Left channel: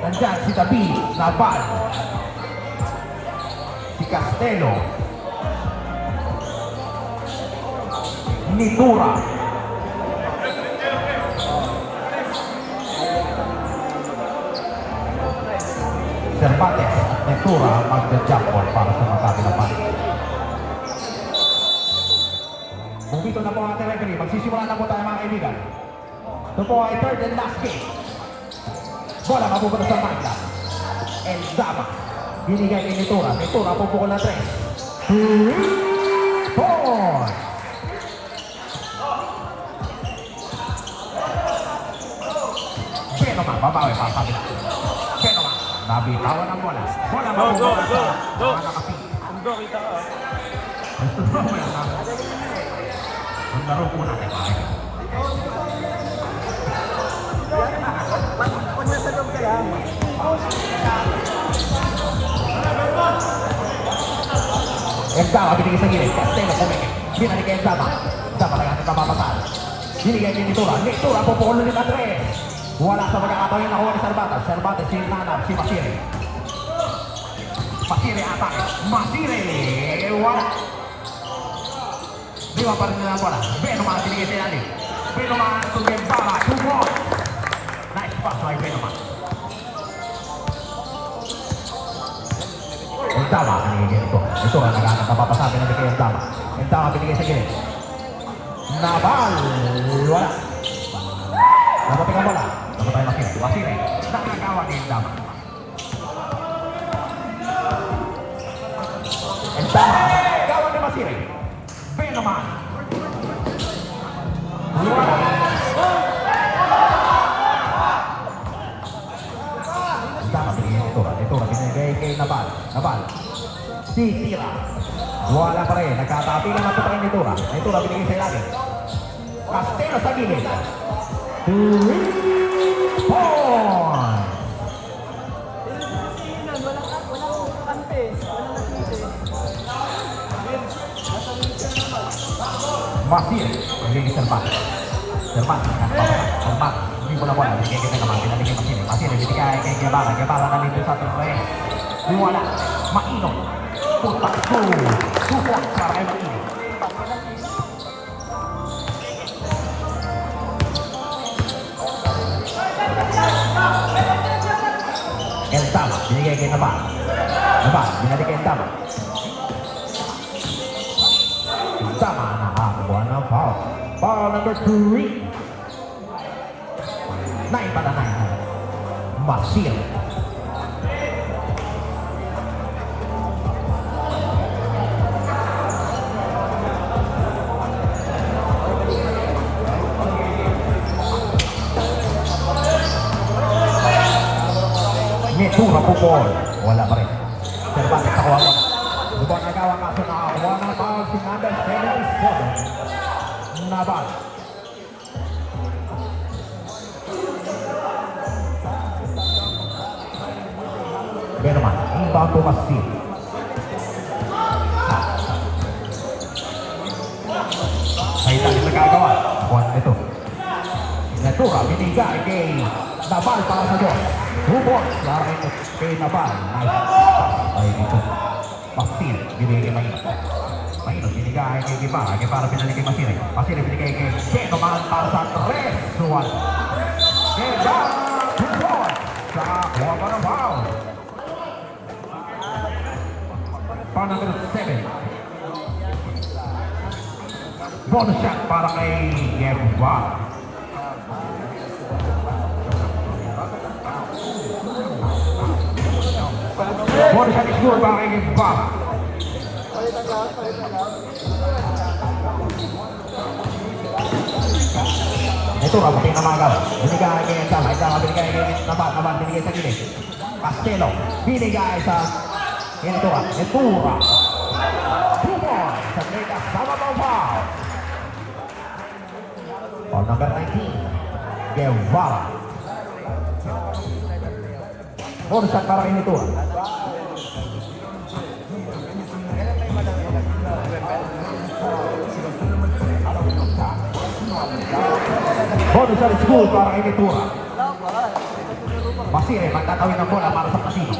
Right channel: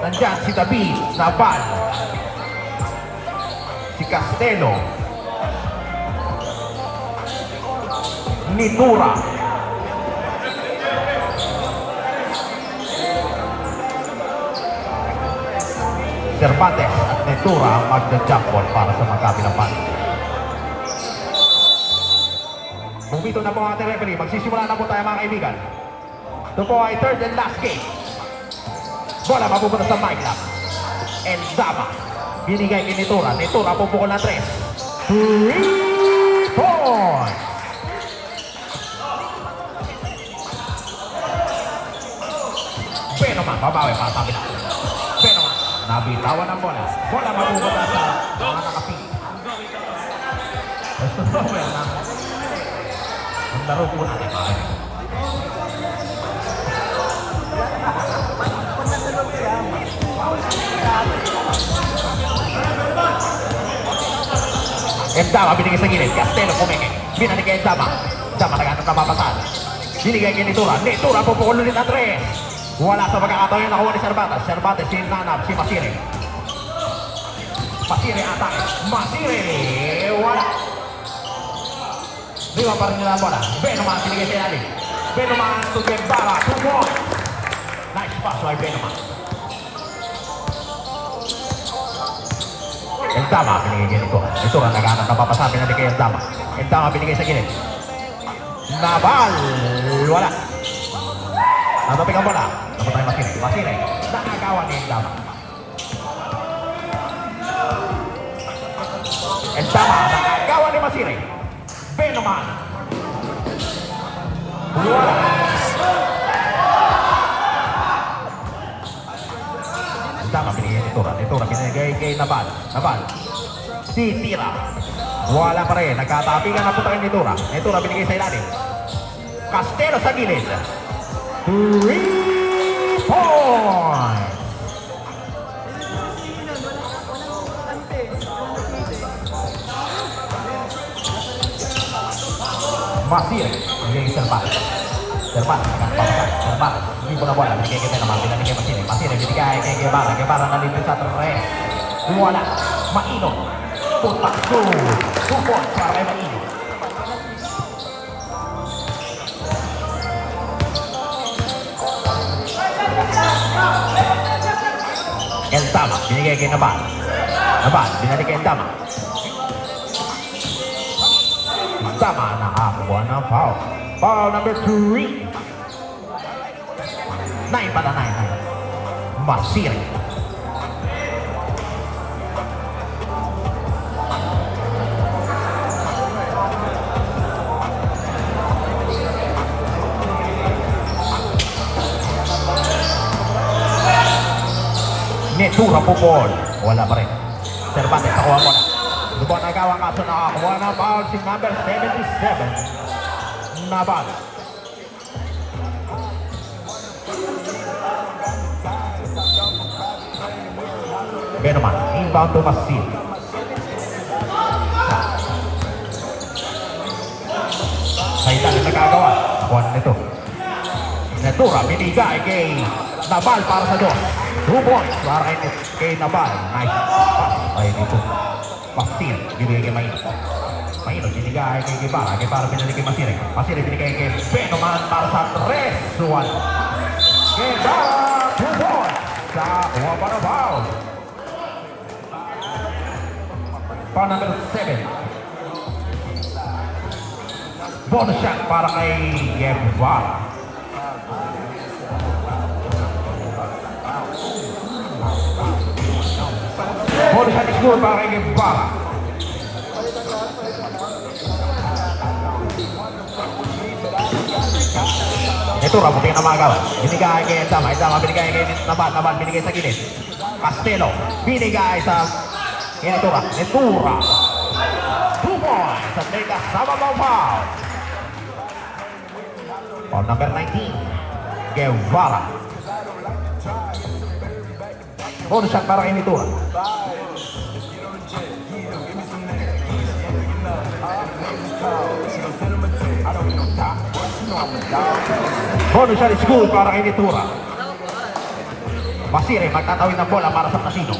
Nandyan si David Naval. Si Castelo. Nitura. Cervantes at Nitura ang magda-jump ball para sa magkabilang pan. Bumito na po ang ating referee. Magsisimula na po tayo mga kaibigan. Ito po ay third and last game. Bola mapupunta sa Mike El Zama. Binigay kay Nitura. Nitura pupukol na 3. 3 points! Pero man, babawi para sabi na. Pero man, nabitawan ang bola. Bola mapupunta sa mga nakapit. Gusto mo yan na. Ang laro po natin mga. Endama binigay sa gilid. Castelo kumingin. Binalik kay Endama. Endama naghanap na mapasan. Binigay kay Nitura. Nitura pupukol ulit na 3. Wala sa pagkakataon yung nakuha ni Cervantes. Cervantes si Nanab, si Masiri. Masiri atak. Masiri. Wala. Diba pa rin nila ang bola. Benoman binigay kay Ali. Benoman to Gembara. 2 points. Nice pass by Benoman. Endama binigay kay Nitura. Nitura naghanap na papasabi na kay Endama. Endama binigay sa gilid. Naval. Wala. Natapik ang bola. Natapik ang Masiri. Masiri. Nakagawa ni Endama. Endama. Nakagawa ni Masiri. Benoman. Endama binigay Nitura. Nitura binigay kay Naval. Naval. Titira. Wala pa rin. Nagkatapigan na po tayo Nitura. Nitura binigay sa ilalim. Castelo sa gilid. 3 points! Masir, menjadi Cervantes. Cervantes, Cervantes. Ini bola-bola, binigay kay naman, binigay kay Masir. Masir, binigay kay Guevara. Guevara nalipin sa 3. Wala, Maino. Putak ko. 2 points para kay Maino. Endama, binigay kay Naval. Naval, binalik kay Endama. Endama nakakuha ng foul. Foul number 3. 9 para 9. Masir. Nitura pupol. Wala pa rin. Cervantes nakuha mo na. Ito ang nagawang kaso nakakuha ng foul si number 77. Naval. Benoman. Inbound to Masir. Sa ilalim nagagawa. Nakuha na nito. Nitura binigay kay Naval para sa Diyos. 2 points para kay Naval. Nice. Ay dito. Masir. Binigay kay Maino. Maino binigay kay Guevara. Guevara binigay kay Masir. Masir binigay kay Benoman para sa 3-1. Guevara 2 points. Sa kuha para foul. Foul number 7. Bonus shot para kay Guevara. Bonus shot score para kay Guevara. Ito, rabutin na mga gawa. Binigay kay Endama. Endama binigay kay Naval. Naval binigay sa gilid. Castelo binigay sa Nitura. Nitura. 2 points. Sa Lega Sababao foul. Foul number 19. Guevara. Bonus shot para kay Nitura. Bonus shot score para kay Nitura. Masire, magtatawid ng bola para sa Casino.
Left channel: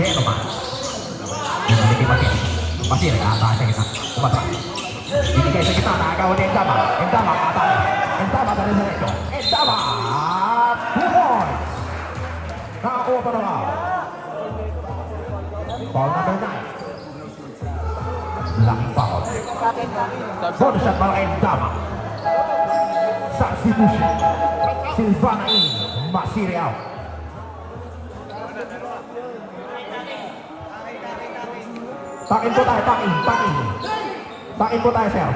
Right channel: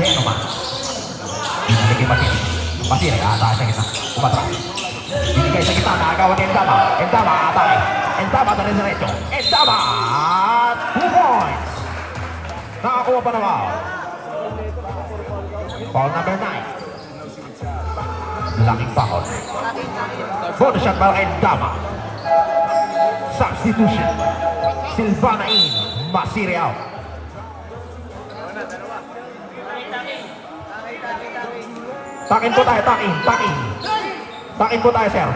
Venom. Hindi Masire. Masire, aatasan kita. Umatras. Binigay sa kita, nakagawa ni Endama. Endama, atake. Endama, dali sa recho. Endama! 2 points! Nakakuha pa naman. Foul number 9. Laking foul. Bonus shot para Endama. Substitution. Silvana in. Masire out. Takin po tayo, takin. Takin po tayo, sir.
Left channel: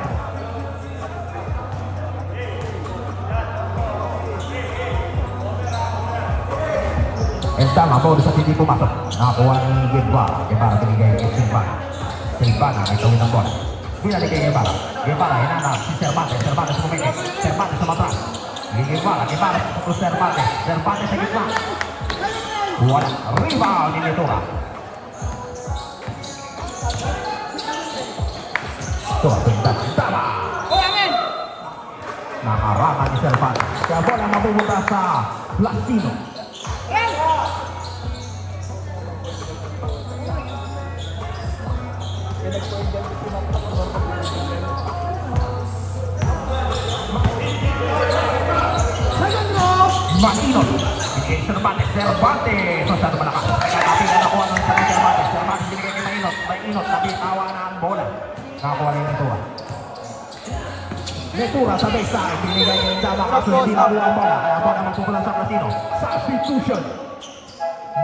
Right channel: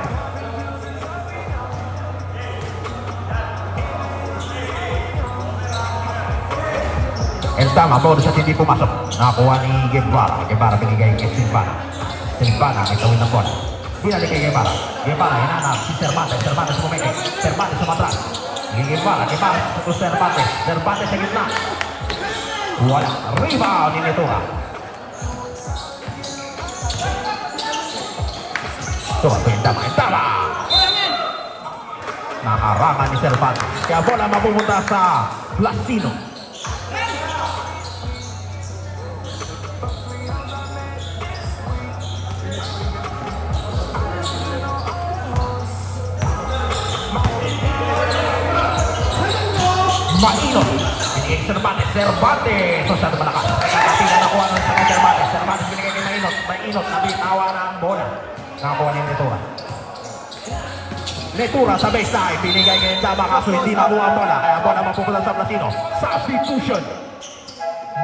Endama, bonus shot hindi pumasok. Nakakuha ni Guevara. Guevara binigay kay Silvana. Silvana, ito ng bola. Binalik kay Guevara. Guevara, hinanap si Cervantes. Cervantes pumeke. Cervantes sumatras. Guevara, Guevara sa Cervantes. Cervantes sa gitna. Wala. Rebound ni Netura. Ito, Endama. Nakarangan ni Cervantes. Kaya bola mapupunta sa Plasino. Mainot. Cervantes. Masyado malakas. Hindi na nakuha ng Cervantes. Cervantes binigay kay Mainot. Mainot. Mabitawa na ang bola. Nakakuha ng Netura. Netura sa baseline. Binigay kay Endama kaso hindi nakuha ang bola. Kaya ang bola mapupunta sa Plasino. Substitution.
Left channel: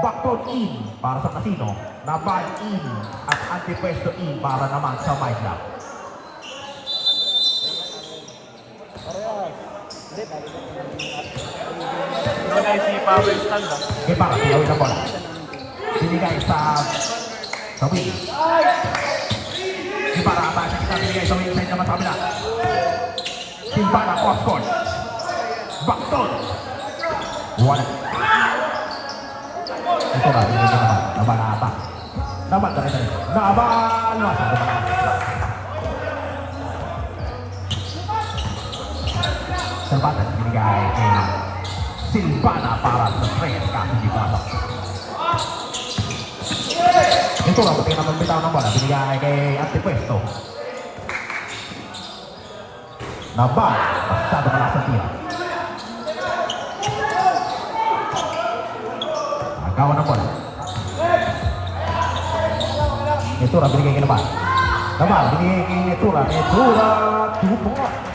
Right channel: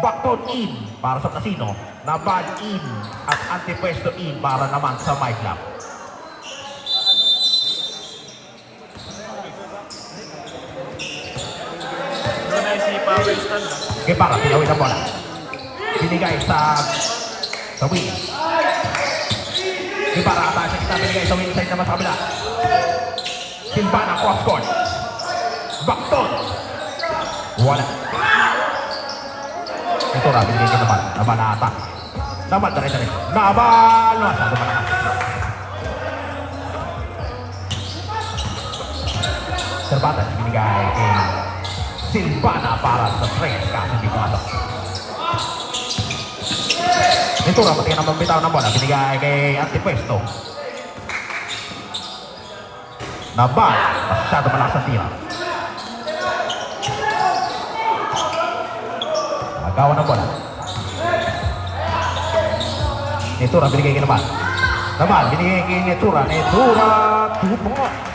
Backdown in para sa Plasino. Naban in at antipuesto in para naman sa My Club. Doon ay si Power Stand ah. Okay, para pinawin ang bola. Binigay sa wing. Okay, para atasan sa binigay sa wing. Isa naman sa kabila. Silvana, off court. Backdown. Wala. Ito na, binigay ka naman. Naman na atak. Naman, dali. Naman! Masyado malakas. Cervantes, binigay kay Silvana para sa strength kasi di ba? Ito na, pati naman bitaw ng bola. Binigay kay Antipuesto. Naban, masyado malakas ang tira. Nagawa ng bola. Netura, binigay kay Naban. Naban, binigay kay Netura. Netura, 2 points.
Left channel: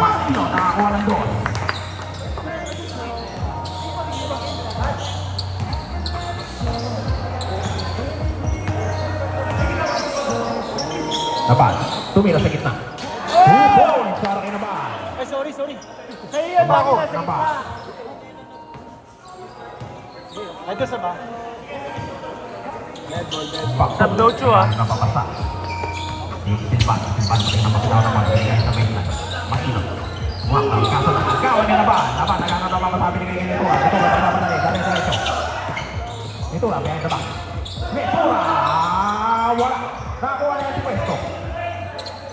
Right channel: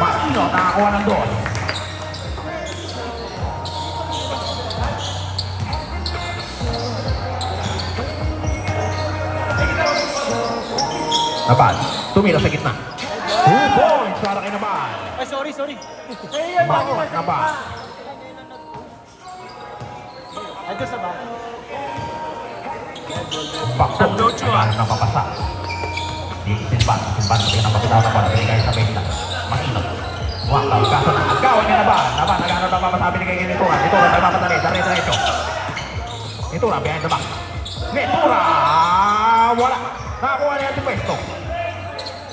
Masino, nakakuha ng dos. Naban, tumira sa gitna. 2 points para kay Naban. Ay, sorry. Naban. Ito sa ba? Bakit? Tablocho ah. Napapasa. Silvan na matuwa naman. Binigay sa Medina. Masino. Wakal. Kaso na agawan ni Naban. Naban, naghanap ang mapasabi ni kay Netura. Netura, may mapadali. Dare-diretso. Netura, behind the back. Netura! Wala. Nakakuha niya Antipuesto.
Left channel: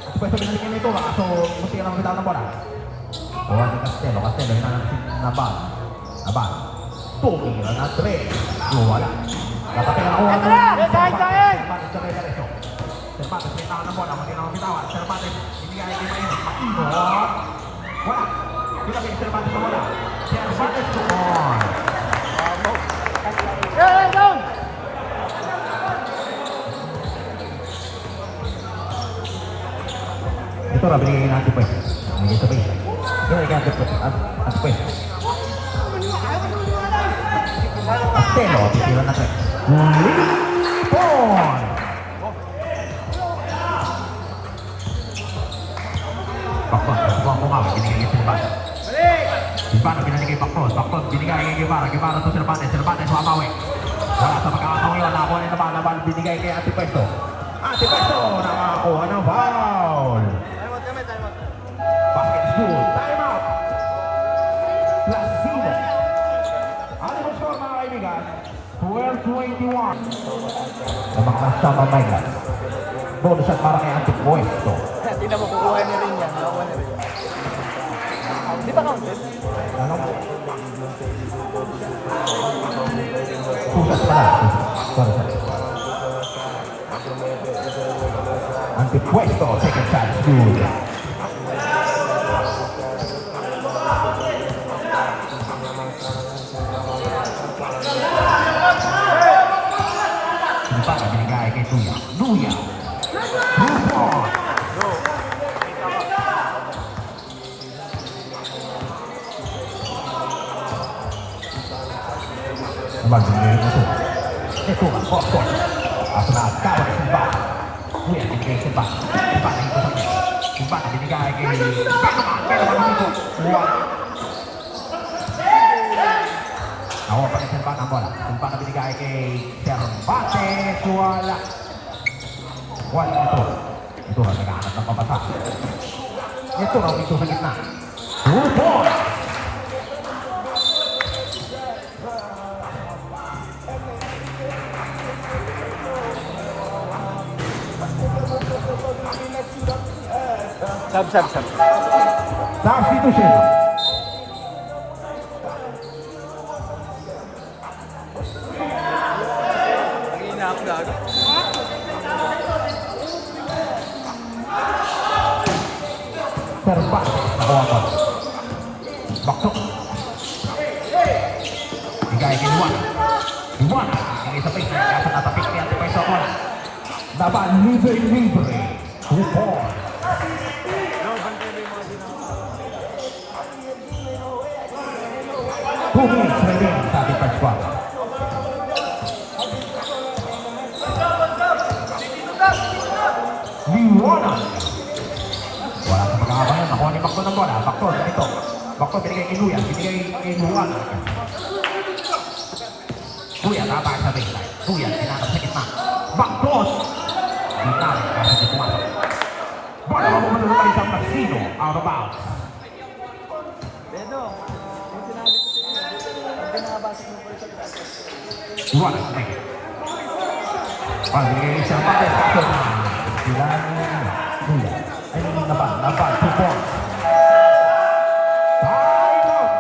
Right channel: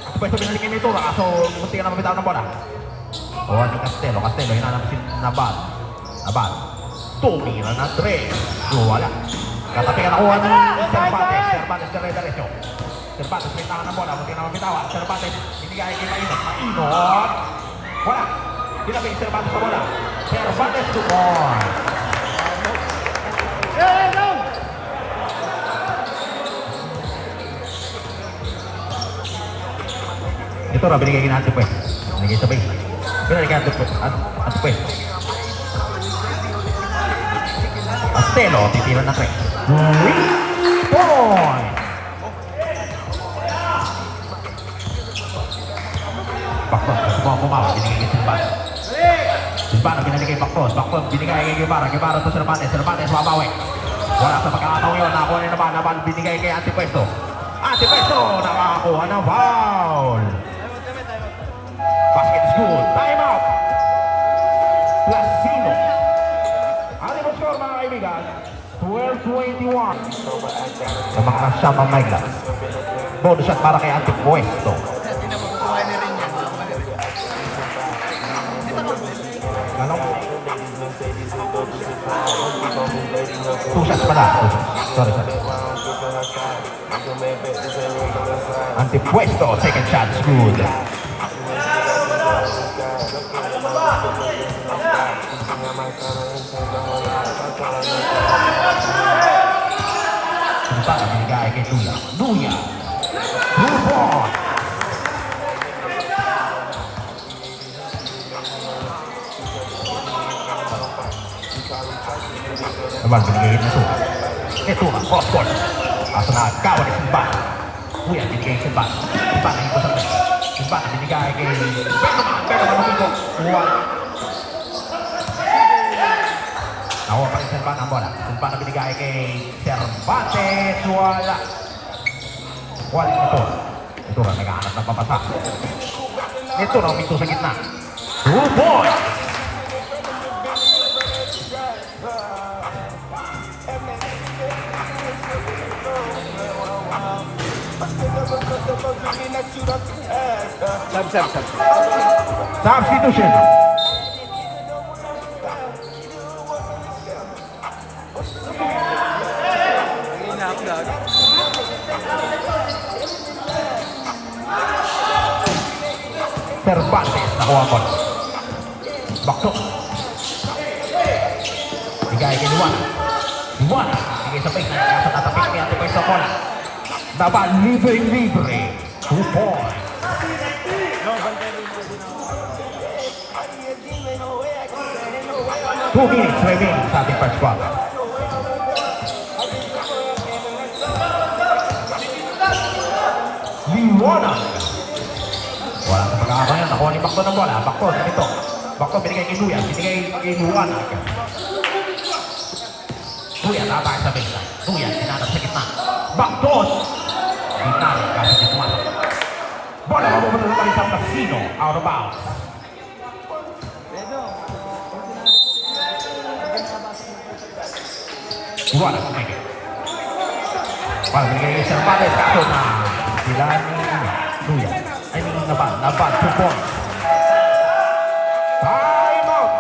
Antipuesto binalik kay Netura. Kaso, munti ka na mabitaw ng bola. O, ni Castelo. Castelo, hinanap si Naban. Naban. Tumira na Dre. Wala. Dapat ka nakuha ng Cervantes. Cervantes, dare-diretso. Cervantes, may tama ng bola. Munti ka na mabitaw. Cervantes, binigay kay Maino. Wala. Binagay si Cervantes sa bola. Cervantes, 2 points. Ito na, binigay kay Antipuesto. Binigay sa baseline. Binigay kay Antipuesto. Castelo, titira na 3. 3 points! Bakpon, subukan kumawin. Binigay kay Silvana. Silvana, binigay kay Bakpon. Bakpon, binigay kay Guevara. Guevara to Cervantes. Cervantes, mamawi. Wala sa pagkakataon yun. Nakakuha ni Naban. Binigay kay Antipuesto. Antipuesto, nakakuha ng foul. Basket is good. Time out. Plasino. Sa mga kasama Mayla. Bonus shot para kay Antipuesto. Hindi na makukuha niyo rin yan. Ano? Two shots pala. Sorry. Antipuesto, second shot, is good. Kita binigay kay Nuya. Nuya. Rupon. Naman binigay ito. Ito ang cross court. Kaso na kawan ni Simba. Nuya binigay Simba. Simba dito sa kanya. Simba binigay kay pero naman ito. Nawa pa ni Simba ng bola. Simba na binigay kay Cervantes. Wala ito. Ito ang naghahanap ng papasa. Ito na ito sa gitna. 2 points! Sab. Substitution. Ang ina ako gago. Cervantes nakuha ko. Bakso. Bigay kay Juan. Juan. Bigay sa pink. Nasa tatapik niya. Ito sa bola. Naban libre. 2 points. 2 minutes remaining sa ating first quarter. Liwanag. Wala sa pagkakabanan. Nakuha ni Bakto ng bola. Bakto, ganito. Bakto binigay kay Luya. Binigay kay Liwanag. Luya, tatay sa baseline. Luya, sinanap sa gitna. Bakto. Gitna. Sa gitna. Bola mo muna naman isang Casino. Out of bounds. Bedo, yung sinabi ko sa iyo, pag ginabasok mo pa sa dati. Liwanag. Pag-ibig sa Cervantes. Kaso na. Sila ni Luya. Ay, naban. 2 points. Time out.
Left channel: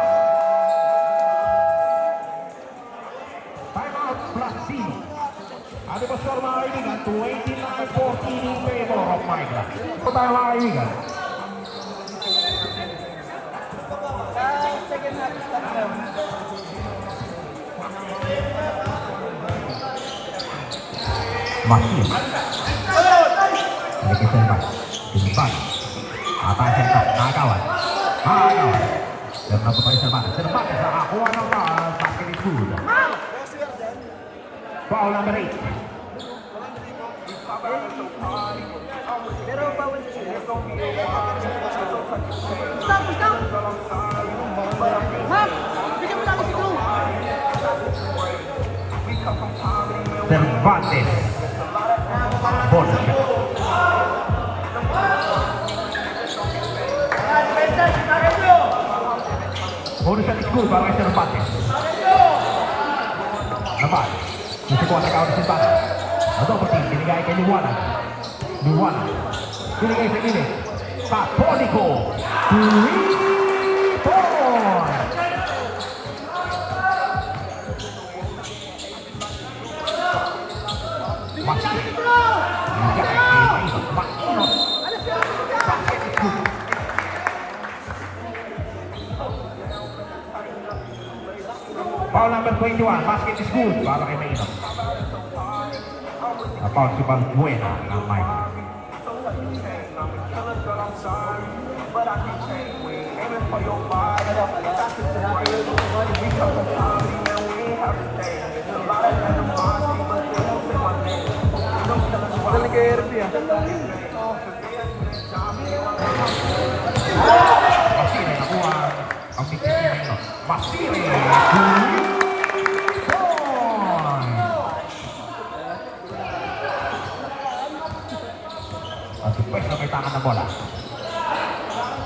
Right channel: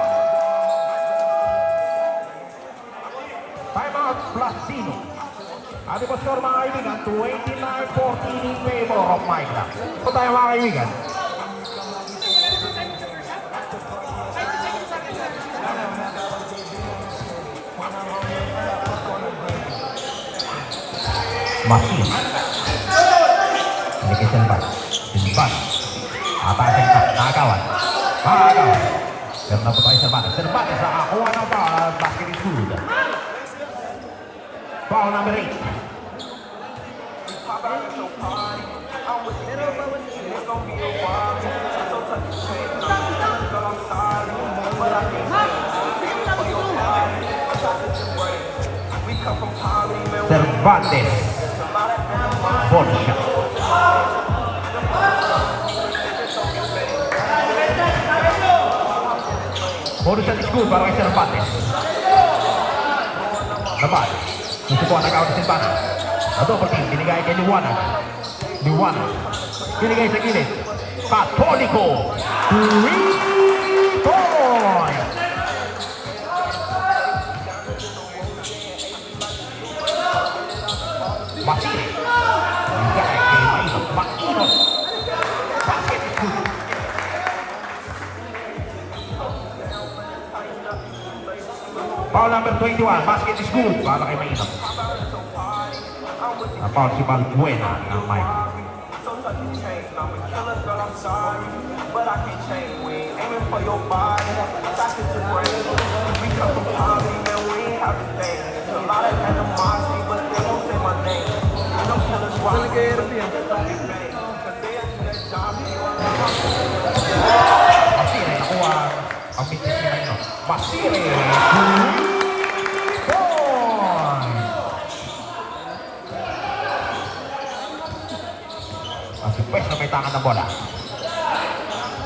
Time out. Placino. Ano ba score mga kaibigan? 29-14 in favor of Mayla. Ito tayo mga kaibigan. Maki. Ini kesempat. Simpan. Apa sempat? Nakawan. Dan berapa kali sempat? Sempat. Aku apa? Basket itu. Foul number 8. Pero bawal siya. Cervantes. Bonus. Bonus shot is good para kay Cervantes. Naman. Nisubukan na kawin si Cervantes. Ito pati, binigay kay Liwanag. Liwanag. Binigay sa gilid. Catholico. 3 points. Maki. Binigay kay Maki. Foul number 21, basket is good para kay Mayla. Napaw si Balbuena ng Mayla. Magaling kay RP ah. Masire, nakuha ang bitis ni Mayla. Masire, ang supwes na may tangan ng bola.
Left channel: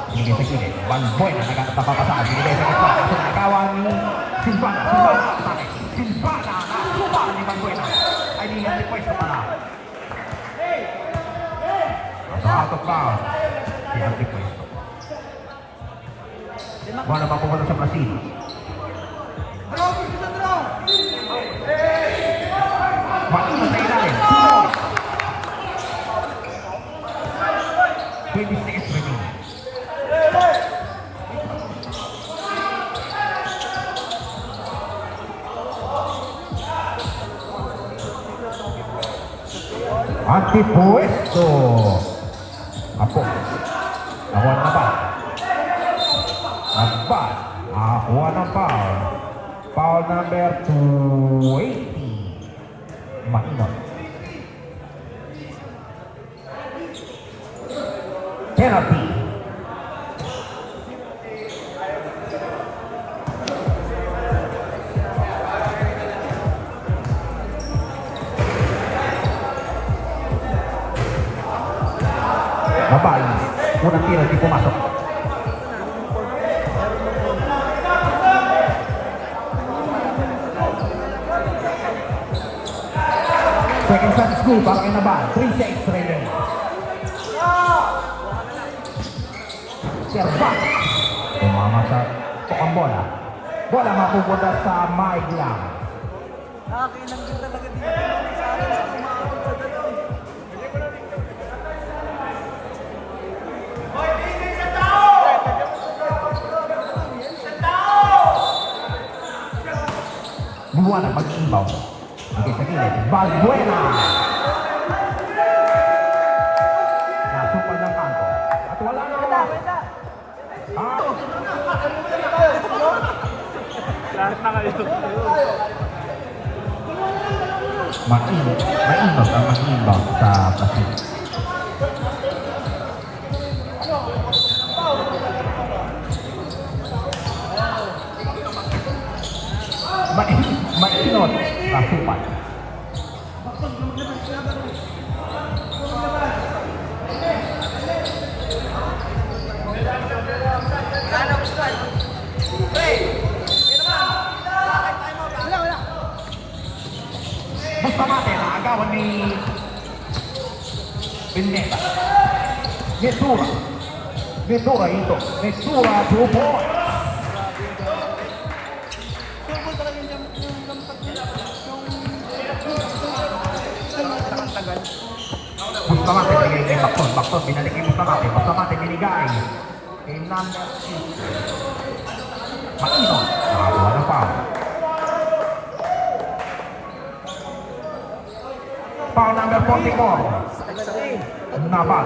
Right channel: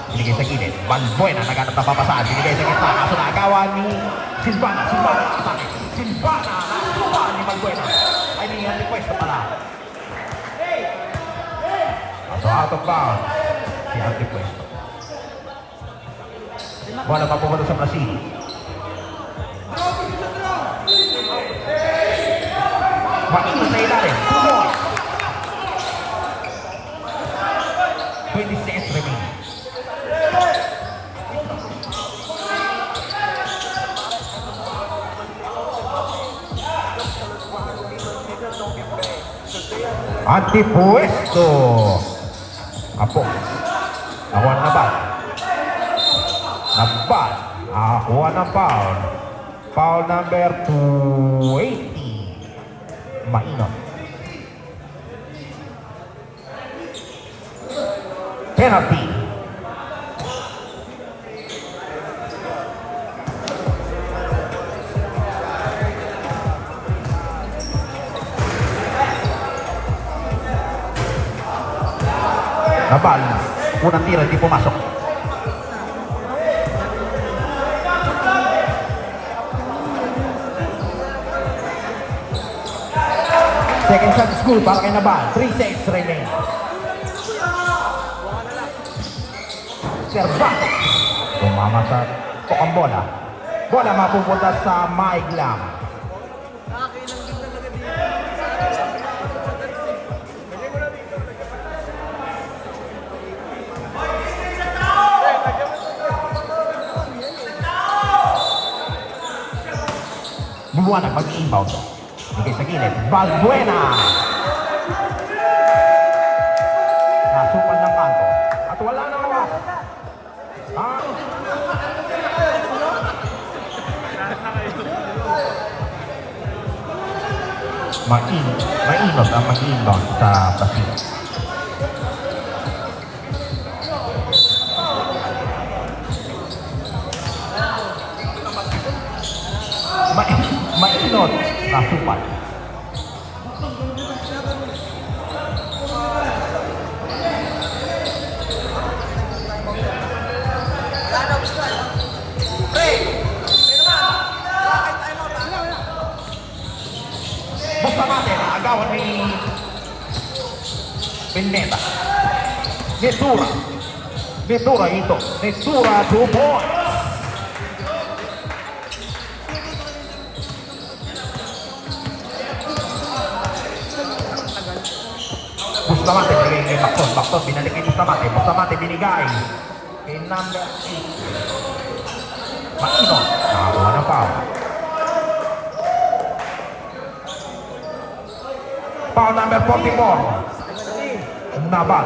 Binigay sa gilid. Balbuena, naghanap ng papasaan. Binigay sa gitna. Kaso na ikawan ni Silvana. Silvana. Nakuha ni Balbuena. out of bounds. Si Antipuesto. Bola mapupunta sa Brazil. Maingat na ilalim. 20 seconds remaining. Antipuesto. Apo. Nakuha na ba? Nabal. Nakakuha ng foul. Foul number 280. Mainot. Penalty. Nabal. Unang tira, hindi pumasok. Second shot is good para kay Nabal. 3 seconds remaining. Servat. Tumama sa tukang bola. Bola mapupunta sa Mike lang. Buwana mag-inbound. Bigay sa gilid. Balbuena. Nasupal ng kanto. At wala na naman. Mainog ang mag-inbound sa Brazil. Mainog nasupal. Bustamante, agawan ni Pineda. Ventura ito. Ventura 2 points. Bustamante, bakton, binalik ni Bustamante. Bustamante binigay. In number 8. Matino. Ano pa? Foul number 44. Nabal.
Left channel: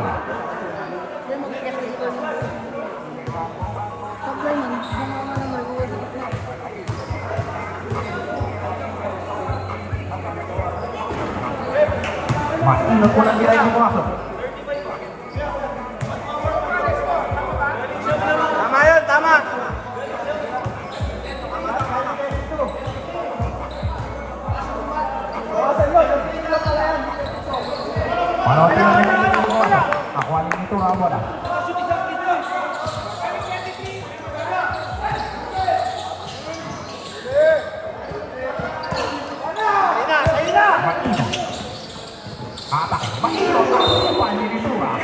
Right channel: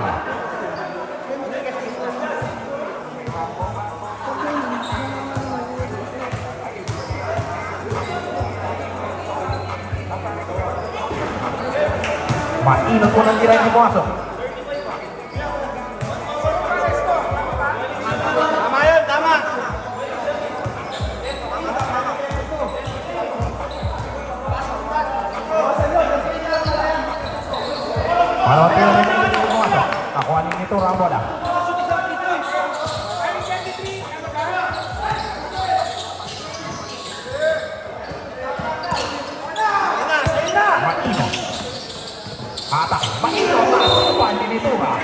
Maingat ko lang direct pumasok. Tama yun, tama. Nakuha nito Ramon ah. Atak, makito sa nito ba?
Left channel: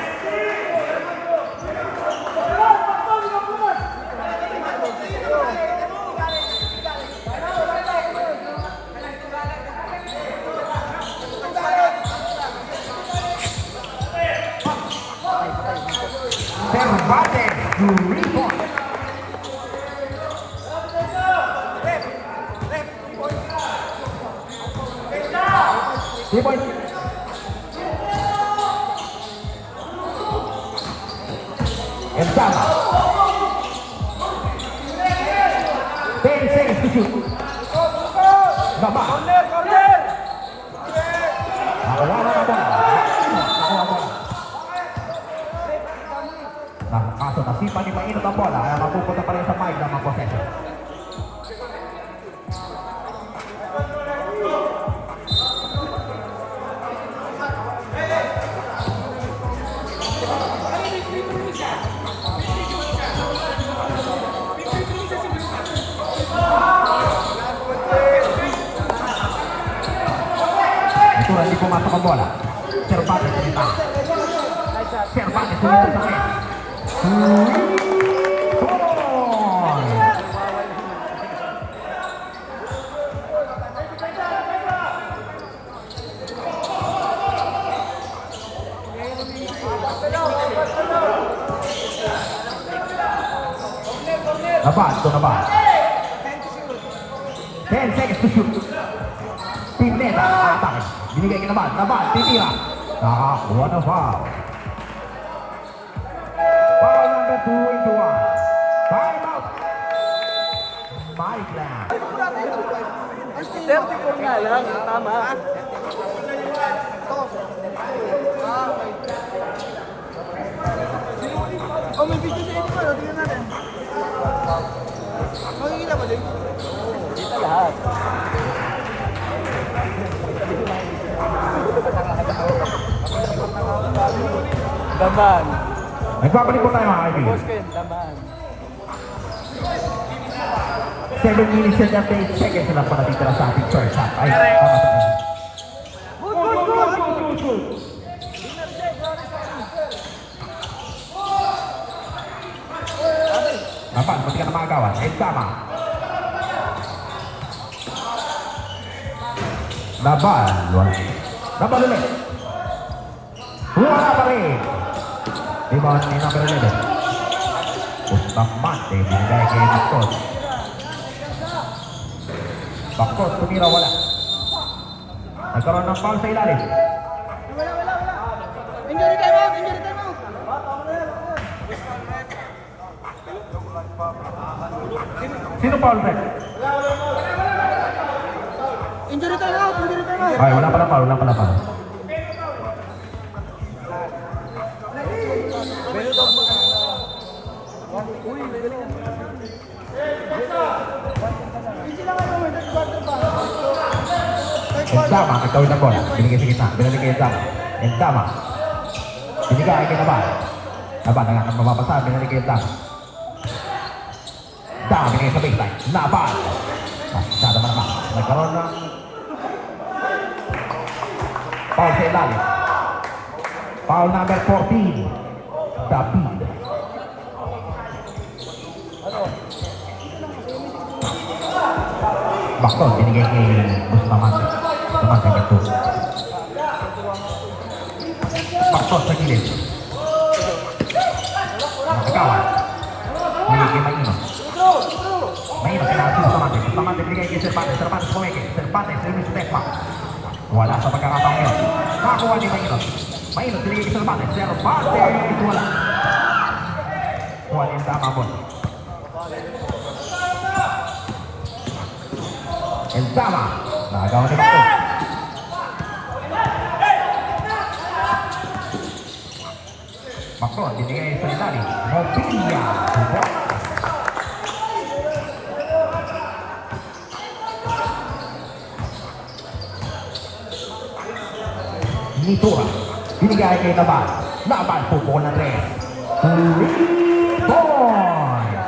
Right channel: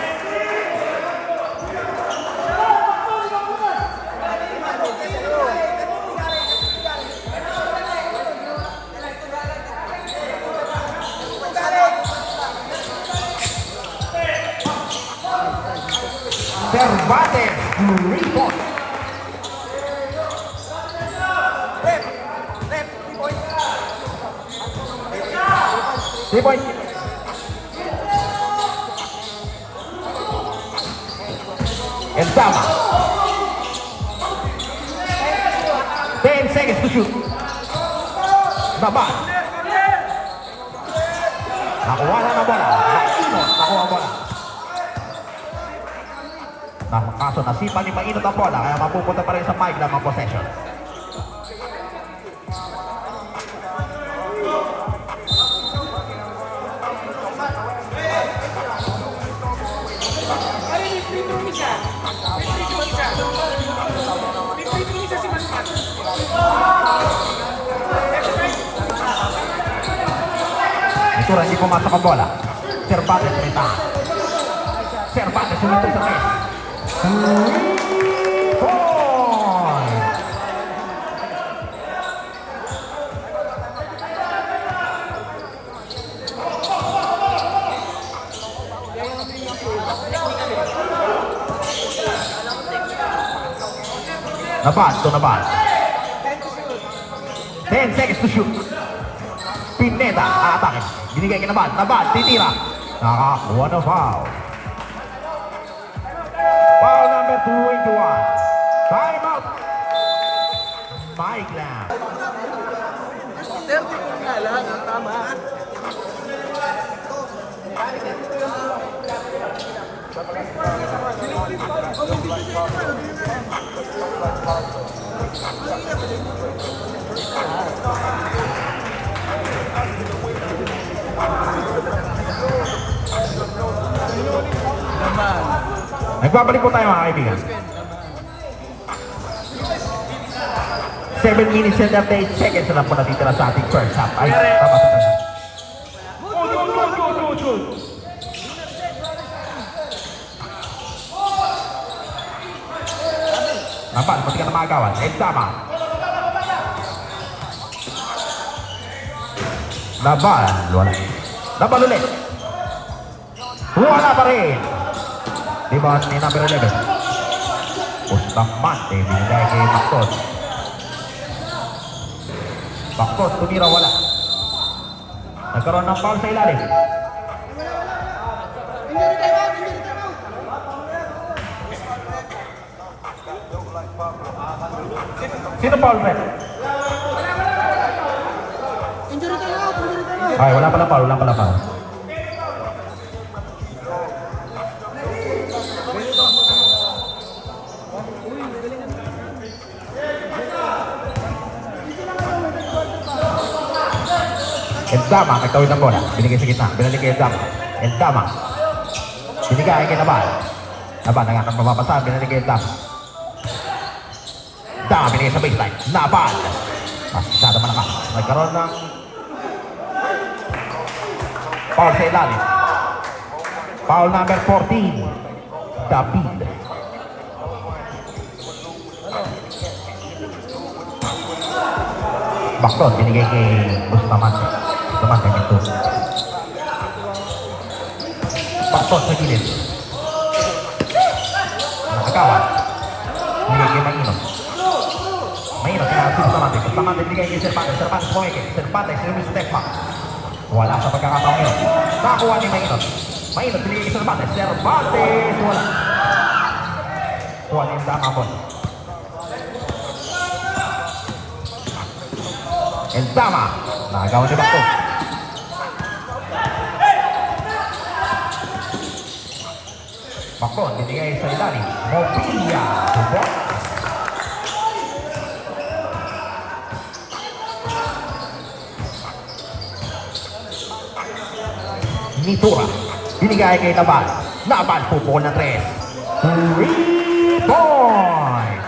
Cervantes, rebound. 3 points. Enzama. 10 seconds to shoot. Nabal. Nakuha na bola. Nakuha bola. Kaso nasipa ni Mainot ang bola, kaya mapupunta pa rin sa Mike lang ang possession. Ito rin, hindi pumasok ang bola. Cervantes rin. Cervantes sumunod sa kanya. Nabal, ito Nabal. 10 seconds to shoot. Pineda, atake. Binigay kay Nabal. Nabal, titira. Nakakuha na foul. Foul number 2 into 1. Time out. Mike Lam. Nagbabalik po tayo mga kaibigan. 7 minutes and 38 seconds na lang po natitira sa ating first half. Ay, tama sa kanya. Napan, pati ka na makagawan. Eh, tama. Laban, wala. Laban ulit. Wala pa rin. Rebound ni number 11. Bustamante, binigay kay Bakot. Bakot, tumira wala. Nagkaroon ng foul sa ilalim. Sino foul, Ben? Injury time out. Ay, wala pala foul, wala pala foul. Entama, nagtawid ng bola. Binigay sa gitna. Binalik kay Entama. Entama. Binigay kay Nabal. Nabal, nangakan mapapasa. Binalik kay Entama. Entama, binigay sa baseline. Nabal. Masyado malakas. Nagkaroon ng foul sa ilalim. Foul number 14. David. Bakton, binigay kay Bustamante. Bustamante nagto. Bakton sa gilid. Nakagawan. Binigay kay Mainom. Mainom, kailangan si Bustamante. Bustamante binigay kay Cervantes. Cervantes pumike. Cervantes, yung step back. Wala sa pagkakataong ngayon. Nakuha ni Mainom. Mainom, binigay kay Cervantes. Cervantes, wala. Kuha niya yung tama mo. Entama, nagawa ni Bakto. Bakto, binigay sa ilalim. Mobilia, Hubok. Nitura, binigay kay Nabal. Nabal, pupukol na 3. 3 points.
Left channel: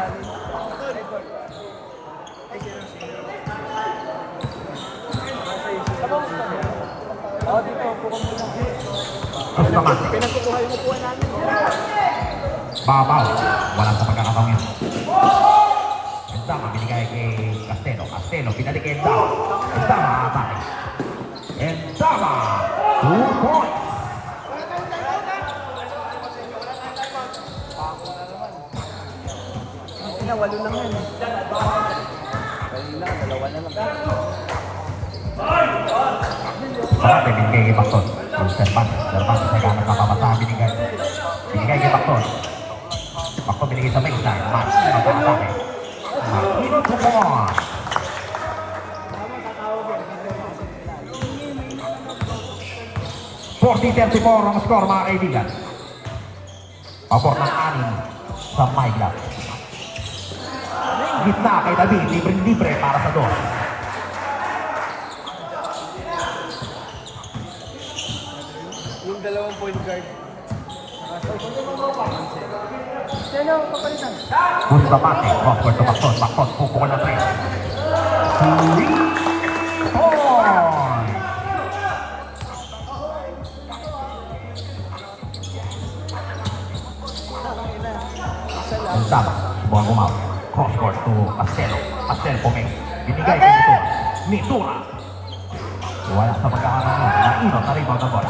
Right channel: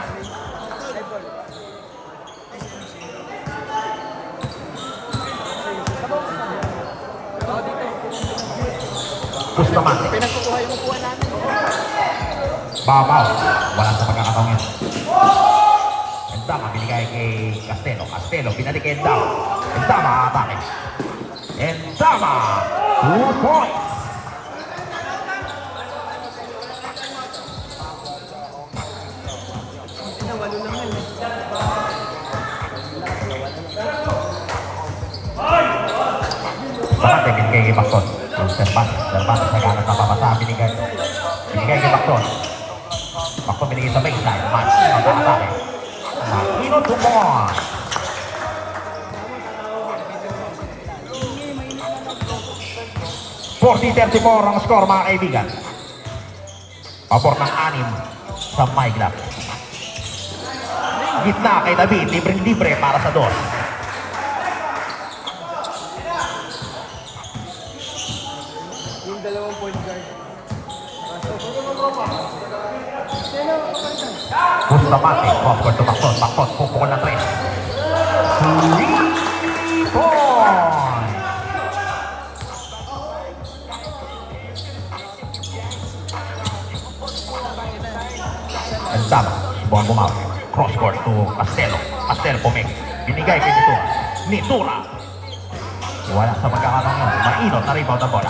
Bustamante. Pinagkukuha yung upuan namin. Babaw. Walang sa pagkakataon yun. Entama, binigay kay Castelo. Castelo, binalik kay Entama. Entama, atake. Entama, 2 points. Walo lang yan. Sarap yung binigay kay Bakton. Cervantes sa ganat na papasa. Binigay kay Bakton. Bakton binigay sa baseline. Mag-atake. Makino Tumor. .40-34 ang score mga kaibigan. Pabor ng 6 sa Mike Lam. Gitna kay David, libre-libre para sa dos. Yung dalawang point guard. Bustamante, Bakton to Bakton. Bakton, pupukol na 3. 3 points. Enzama, buwan bumawi. Cross court to Castelo. Castelo puming. Binigay kay Nitura. Nitura. Wala sa pagkakataon mo. Mainot na rebound ang bola.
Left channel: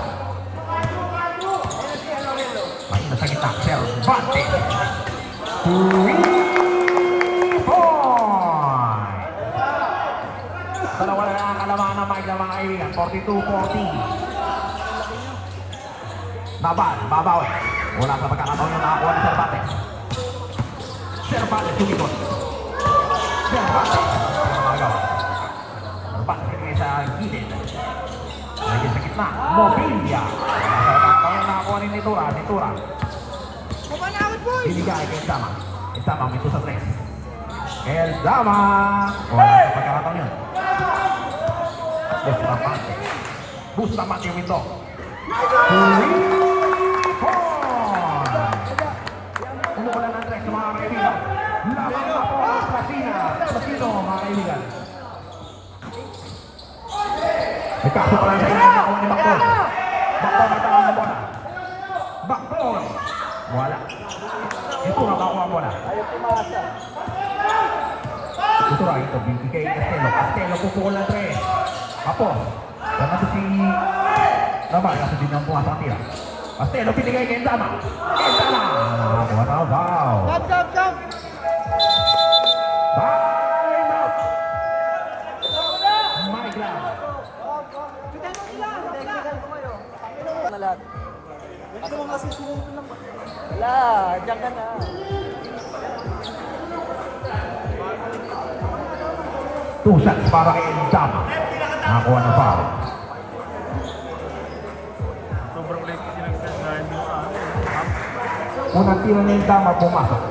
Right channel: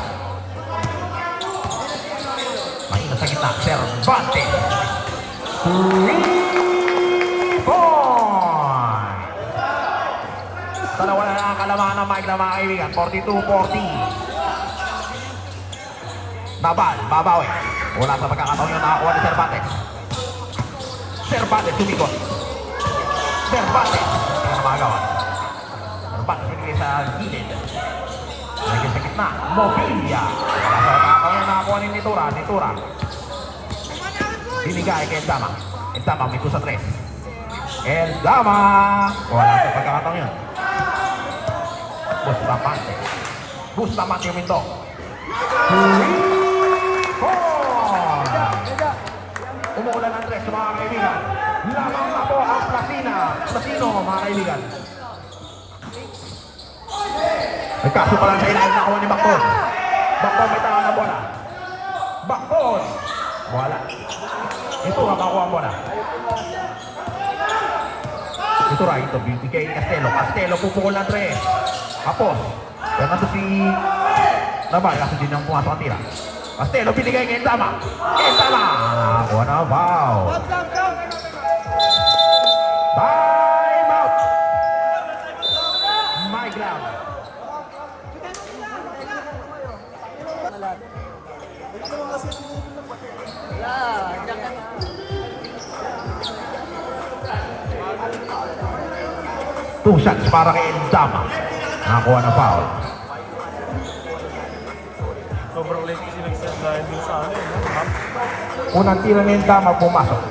Mainot sa gitna. Cervantes. 3 point. Dalawa na lang ang kalamangan ng Mike na mga kaibigan. 42-40. Nabal, babawi. Wala sa pagkakataon yung nakakuha ni Cervantes. Cervantes tumikot. Cervantes. Cervantes tumikot sa gilid. Lagi sa gitna. Mobilia. Sa pagkakataon yung nakakuha ni Nitura. Nitura. Binigay kay Enzama. Enzama mito sa 3. Enzama. Wala sa pagkakataon yun. Bustamante. Bustamante yung ito. Umuulan ang 3 mga kaibigan. Lamang na po ang Platino mga kaibigan. Ay kaso pa lang sa ilalim na kuha ni Bakton. Bakton may tanong na bola. Bakton. Wala. Ito nga makuha ang bola. Ito ra ito. Bibigay ni Castelo. Castelo pupukol ng 3. Tapos. Yan na si Naman. Kasi din ang pumasok ang tira. Castelo binigay kay Enzama. Enzama. Kuha na foul. Time out. Mike Lam. Ito mga sinusunod lang ba? Yeah, dyan lang. Two shots para kay Enzama. Nakakuha na foul. Sobrang ulit kasi nagsasahin mo sa akin. Unang tira ni Enzama pumasok.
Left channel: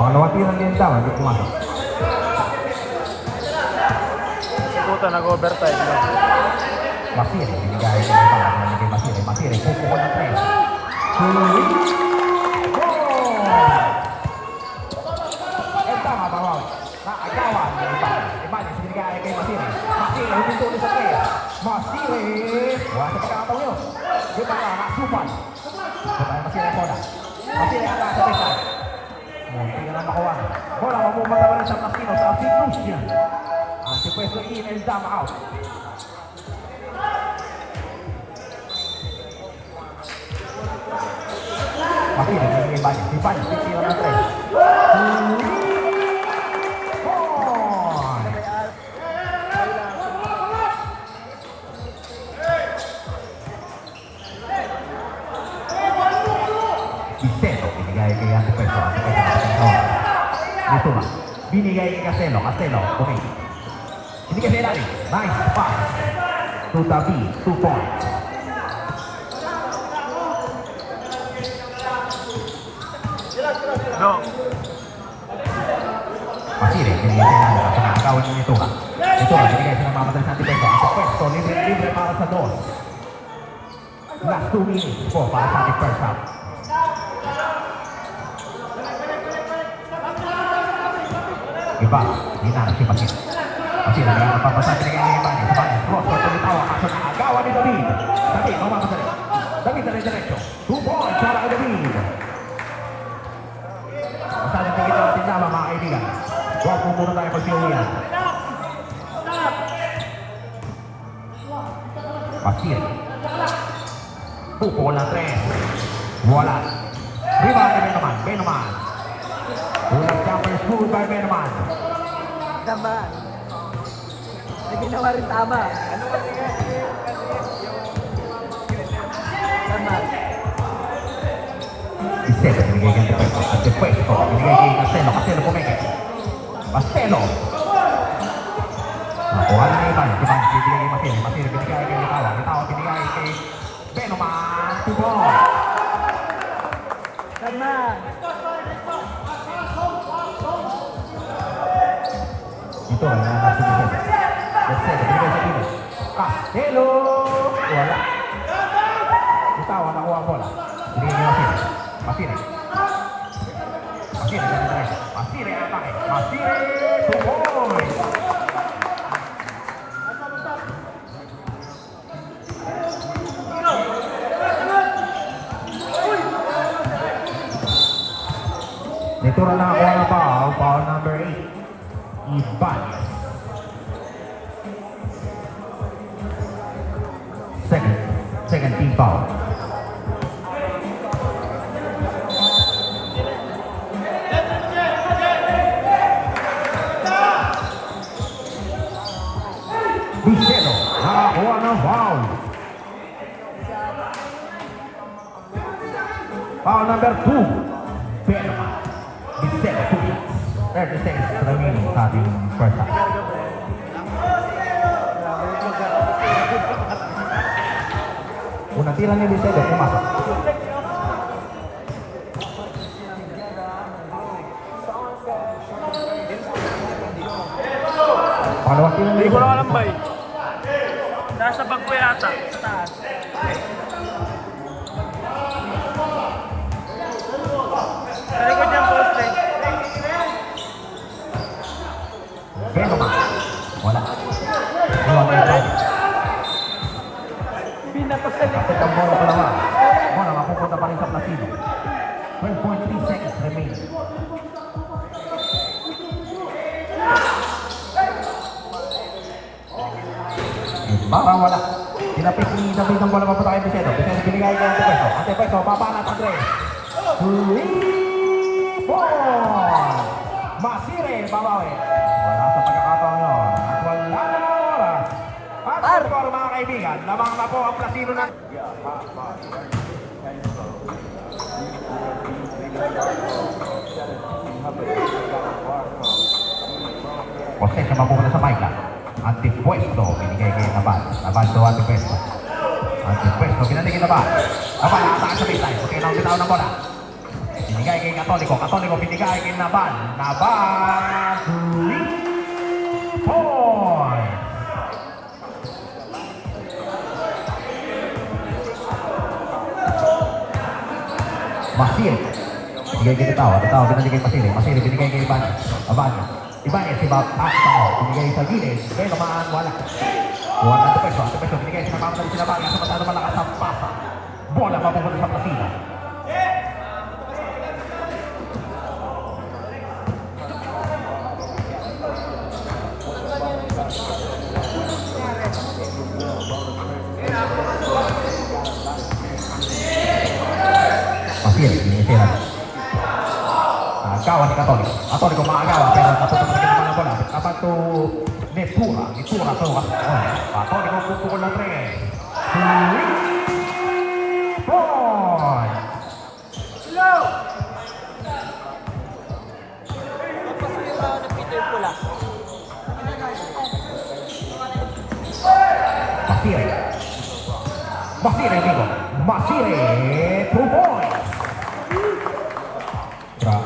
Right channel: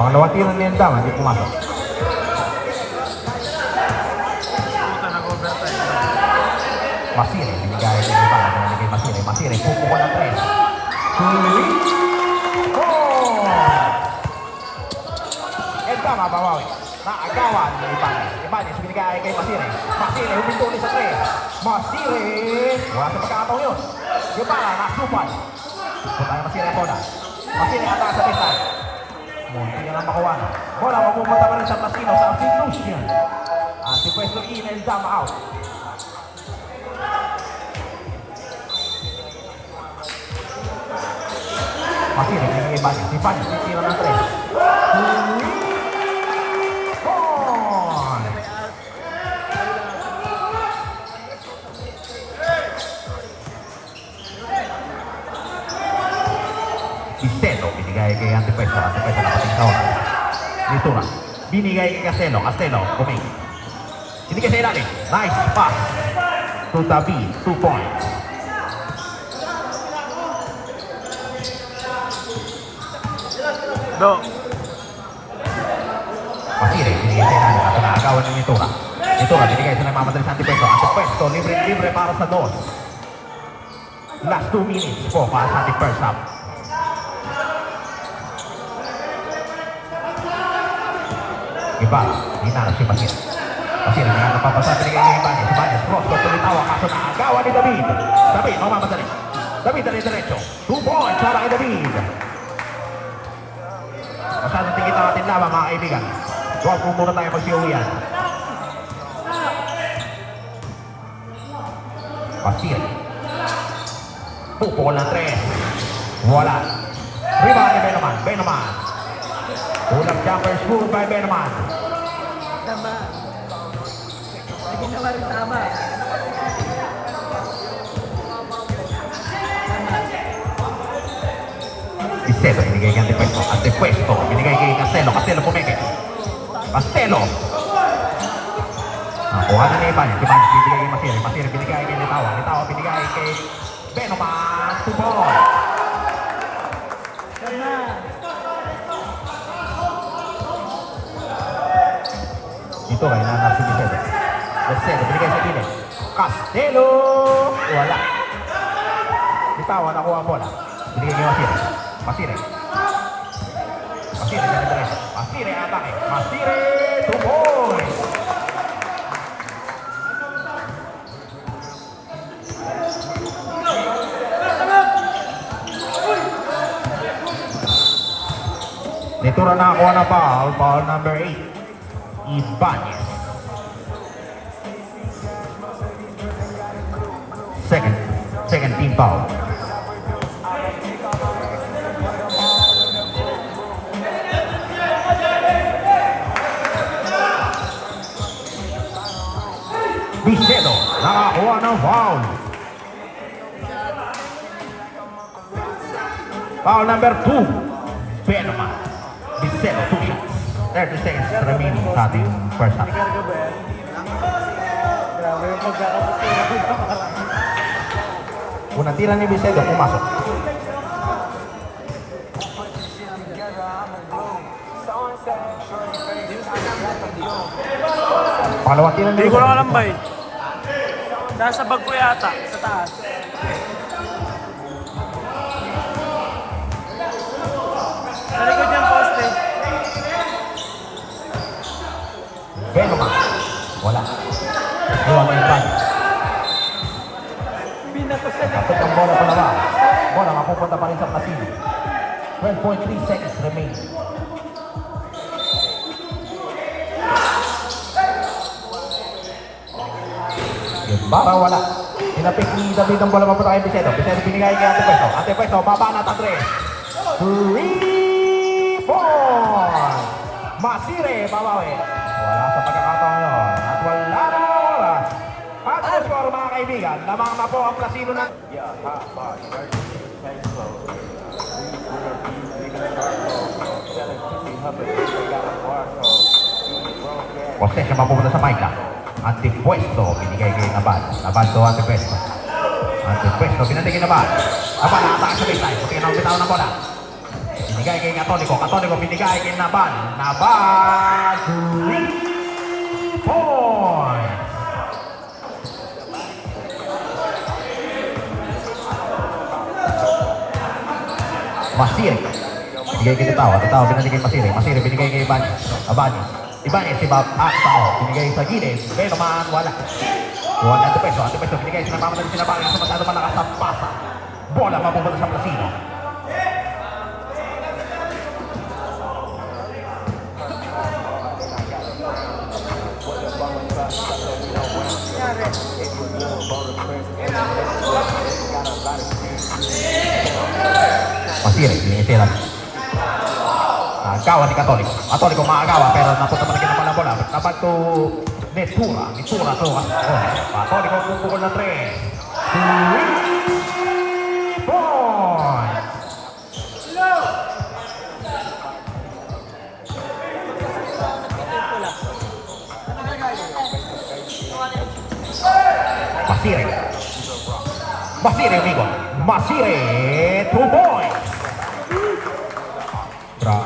Pangalawang tira ni Enzama hindi pumasok. Puta, nag-overtime. Masire, binigay kay Enzama. Masire, pupukol ng 3. Enzama bawawi. Naagawan ni Ibanez. Ibanez binigay kay Masire. Masire, huminto ulit sa 3. Masire. Wala sa pagkakataon yun. Yung pala, nakasupan. Bukan Masire ito na. Masire ata sa pista. Munti na lang makuha. Wala, mamumata pa rin sa Platino sa Afilusian. Ang supwesto in Enzama out. Masire, binigay Ibanez. Ibanez, tira ng 3. Castelo, binigay kay Antipeso. Antipeso na pagkakataon. Nitura. Binigay kay Castelo. Castelo, kumig. Binigay sa ilalim. Nice pass. To David, 2 points. No. Masire, binigay kay Nitura. Pinakagawan ni Nitura. Nitura, binigay sa namamadali sa Antipeso. Antipeso, libre para sa 2. Last 2 minutes po para sa ating first half. Ibanez, hinarap si Masire. Masire, napapasa sa kanya ni Ibanez. Ibanez, cross, tulitawa, kaso nakagawa ni David. David, mamamadali. David, diretso. 2 points para kay David. Masyadong tingin natin lamang mga kaibigan. Huwag po muna tayo magsiuwian. Masire. Pupukol ng 3. Wala. Rebound na Benaman. Benaman. Ulang jumper scored by Benaman. Tama. Lagi nyo nga rin tama. Tama. Castelo, binigay kay Antipeso. Antipeso, binigay kay Castelo. Castelo pumeke. Castelo. Nakuha na ni Ibanez. Ibanez, binigay kay Masire. Masire, binigay kay Litawa. Litawa, binigay kay Benaman. Tibor. Tama. Ito ay nanap si Castelo. Castelo, binigay sa Tibor. Castelo. Wala. Litawa, nakuha ang bola. Binigay kay Masire. Masire. Masire, ganito. Masire, atake. Masire, tumoy. Ventura nakakuha ng foul. Foul number 8. Ibanez. Second team foul. Vicedo nakakuha ng foul. Foul number 2. Benoma. Vicedo, 2 shots. 30 seconds remaining sa ating first half. Unang tira ni Vicedo, pumasok. Pangalawang tira ni Hindi ko Vicedo. alam ba eh. Nasa bag ko yata, sa taas. Sa likod yung poste. Benoma. Wala. Wala. Binato sa likod. Kapit ang bola pa naman. Bola mapupunta pa rin sa Placido. 12.3 seconds remaining. Baba, wala. Hinapit ni David ang bola mapunta kay Vicedo. Vicedo binigay kay Antepeso. Antepeso, baba na Andre. 3 point! Masire, babawi. Wala sa pagkakataon yun. At wala na oras. At ang score, mga kaibigan, lamang na po ang Placido ng... Proses na mapupunta sa Maika. Antipuesto, binigay kay Nabal. Nabal to Antipuesto. Antipuesto, binigay kay Nabal. Nabal, saan sa baseline? Puti na ang bitaw ng bola. Binigay kay Católico. Católico, binigay kay Nabal. Nabal, 3 points. Masire. Binigay kay Tao. Tao, binigay kay Masire. Masire, binigay kay Ibanez. Abanyo. Ibanez, si Bob Tao. Binigay sa gilid. Pero man, wala. Kuha na Antepeso. Antepeso, binigay sa mga sinabaling sa masyado malakas ang pasa. Bola mapupunta sa Placido. Masire, binitira. Agawa ni Católico. Católico maagawa pero napunta pa rin naman ang bola. Dapat to Ventura. Ventura to. Católico pupukol na 3. 3 points. Masire. Masire, amigo. Masire, 2 points. Bra.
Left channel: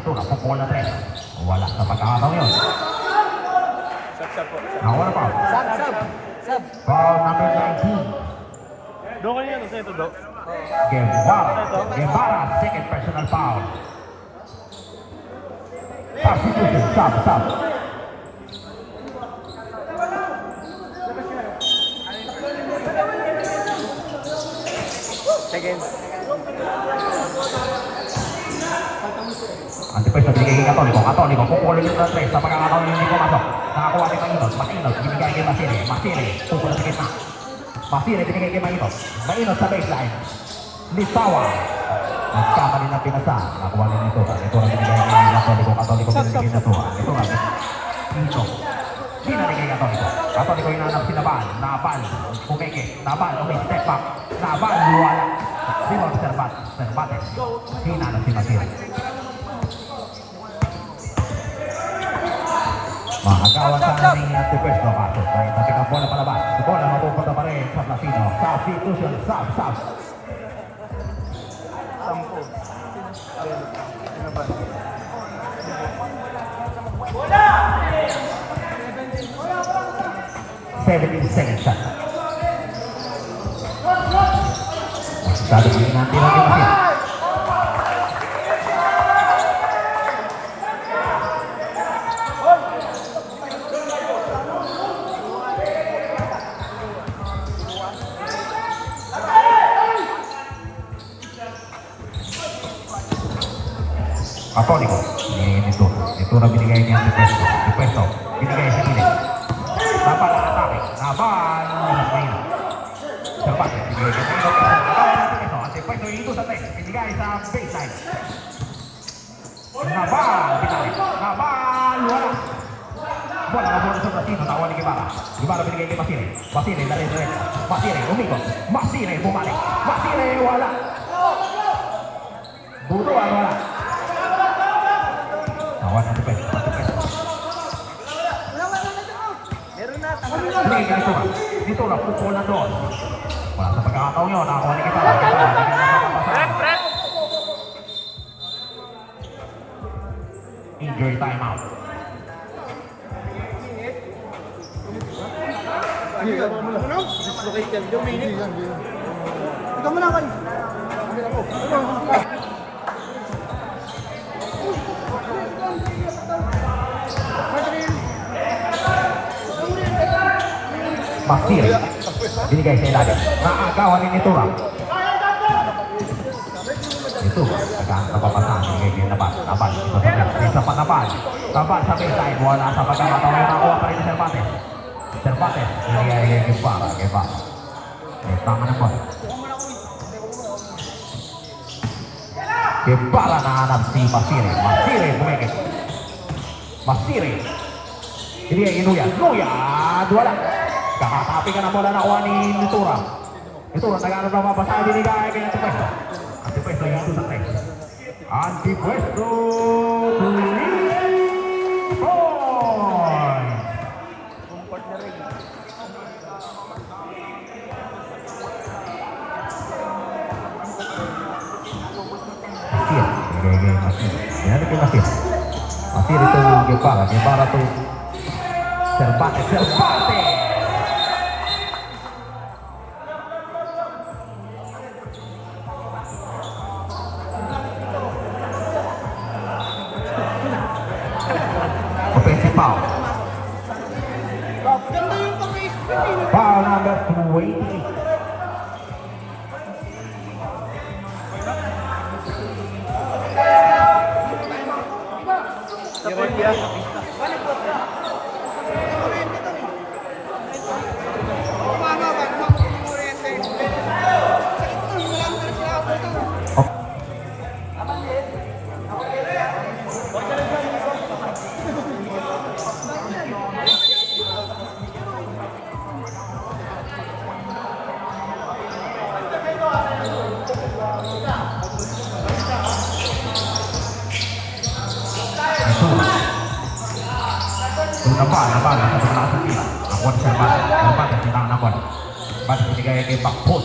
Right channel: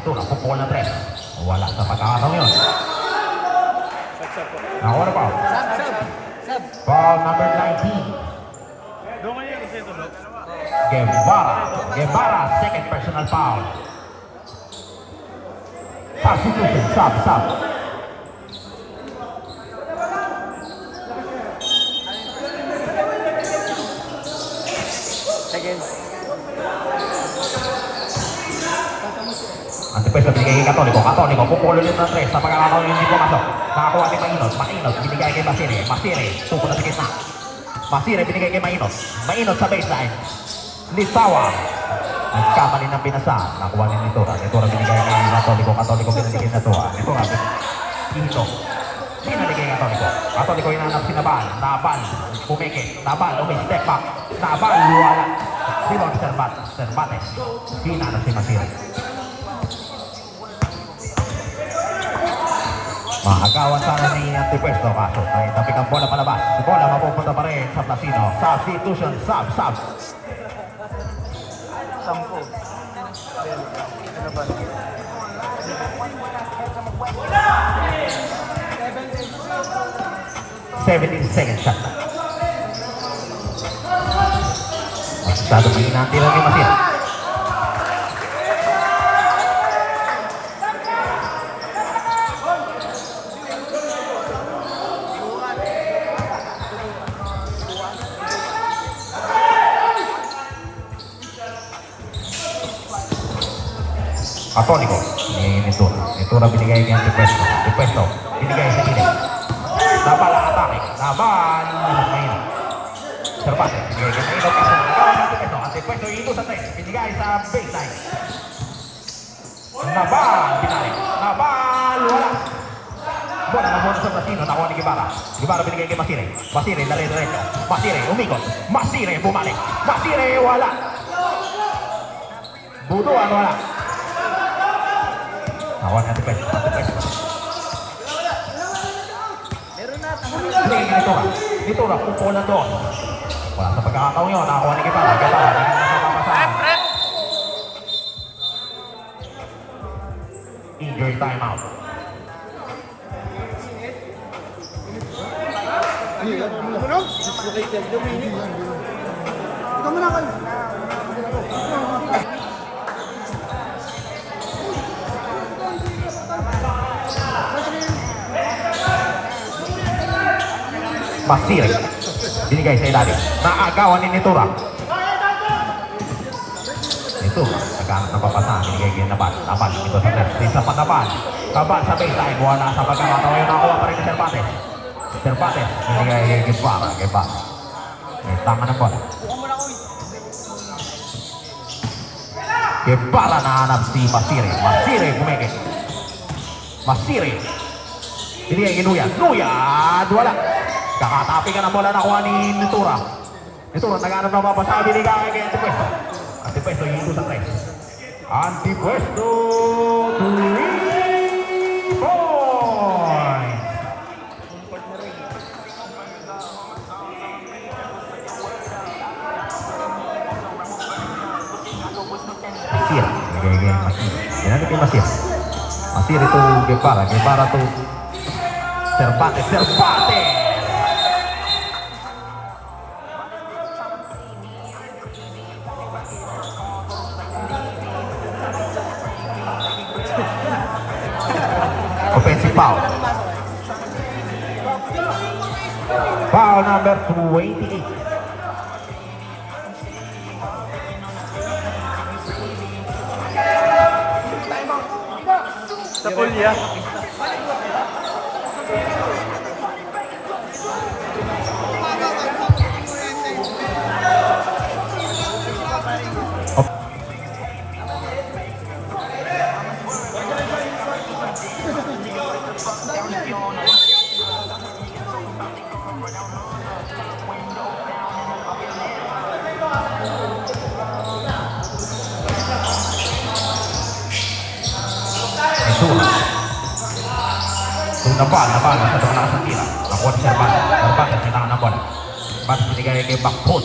Ito na, pupukol na 3. Wala sa pagkakataon yun. Ako na pa. Sab. Foul number 19. Doon ko niya kasi ito, Dok. Guevara, second personal foul. Substitution, sub. Seconds. Antepeso, binigay kay Católico, pupulo yung 3 sa pagkakataon yung pumasok. Nakakuha kay Mainos, binigay kay Masire, pupulo sa gitna. Masire, binigay kay Mainos sa baseline. Lisawa. Nagkamali ng pinasa. Nakuha rin nito. Ito rin binigay kay Católico binigay kay Natua. Ito nga. Ito. Binigay kay Católico. Católico yung nanap si Nabal. Nabal. Pumeke. Nabal. Okay, step back. Nabal. Luwala. Luwag Cervantes. Hinanap si Masire. Mahagawan sana ni Antepuesto kaso tapi ang bola palabas. Si bola mapupunta pa rin sa Placido. Substitution, sub. 10. Ano ba? 17 seconds shot. Masyado pinanti lang ni Masire. Atónico. Ito. Ito na binigay niya si Pesto. Si Pesto. Binigay sa Pili. Laban ang atake. Laban. Serpate. Binigay sa Pili. At si Pesto ito sa tayo. Binigay sa baseline. Laban. Laban. Wala. Bola na bola sa Masino. Nakuha ni Guevara. Guevara binigay kay Masire. Masire. Lari-diretso. Masire. Umikot. Masire. Bumalik. Masire. Wala. Butuan. Wala. Nakuha na si Pesto. Meron na, Dito na, pupulan doon. Wala sa pagkakataon nyo, nakakuha na kita. Injury timeout. Dislocated. Ikaw mo lang. Masir. Binigay sa ilalim. Naagawan ni Nitura. Ito, napapasan. Binigay kay Nabal. Nabal, ito sa Nabal. Isa pa Nabal. Nabal sa baseline. Wala sa pagkakataon. Nakuha pa rin ni Cervantes. Cervantes. Binigay kay Guevara. Guevara. Tama ng bola. Guevara nahanap si Masire. Masire bumigay. Masire. Binigay kay Nuyan. Nuyan. Wala. Kakatapi ka na bola nakuha ni Nitura. Nitura naghanap na mapasa. Binigay kay Antipuesto. Antipuesto yung ito sa tayo. Antipuesto. 3 points. Comfort na rin. Masir. Binigay kay Masir. Binigay kay Masir. Masir itu Guevara. Guevara itu Cervantes. Cervantes. Offensive foul. Foul number 28. Nabal sa pagkakataon sa kila. Nakuha si Cervantes. Cervantes sa tangan ng bola. Cervantes binigay kay Bakpon.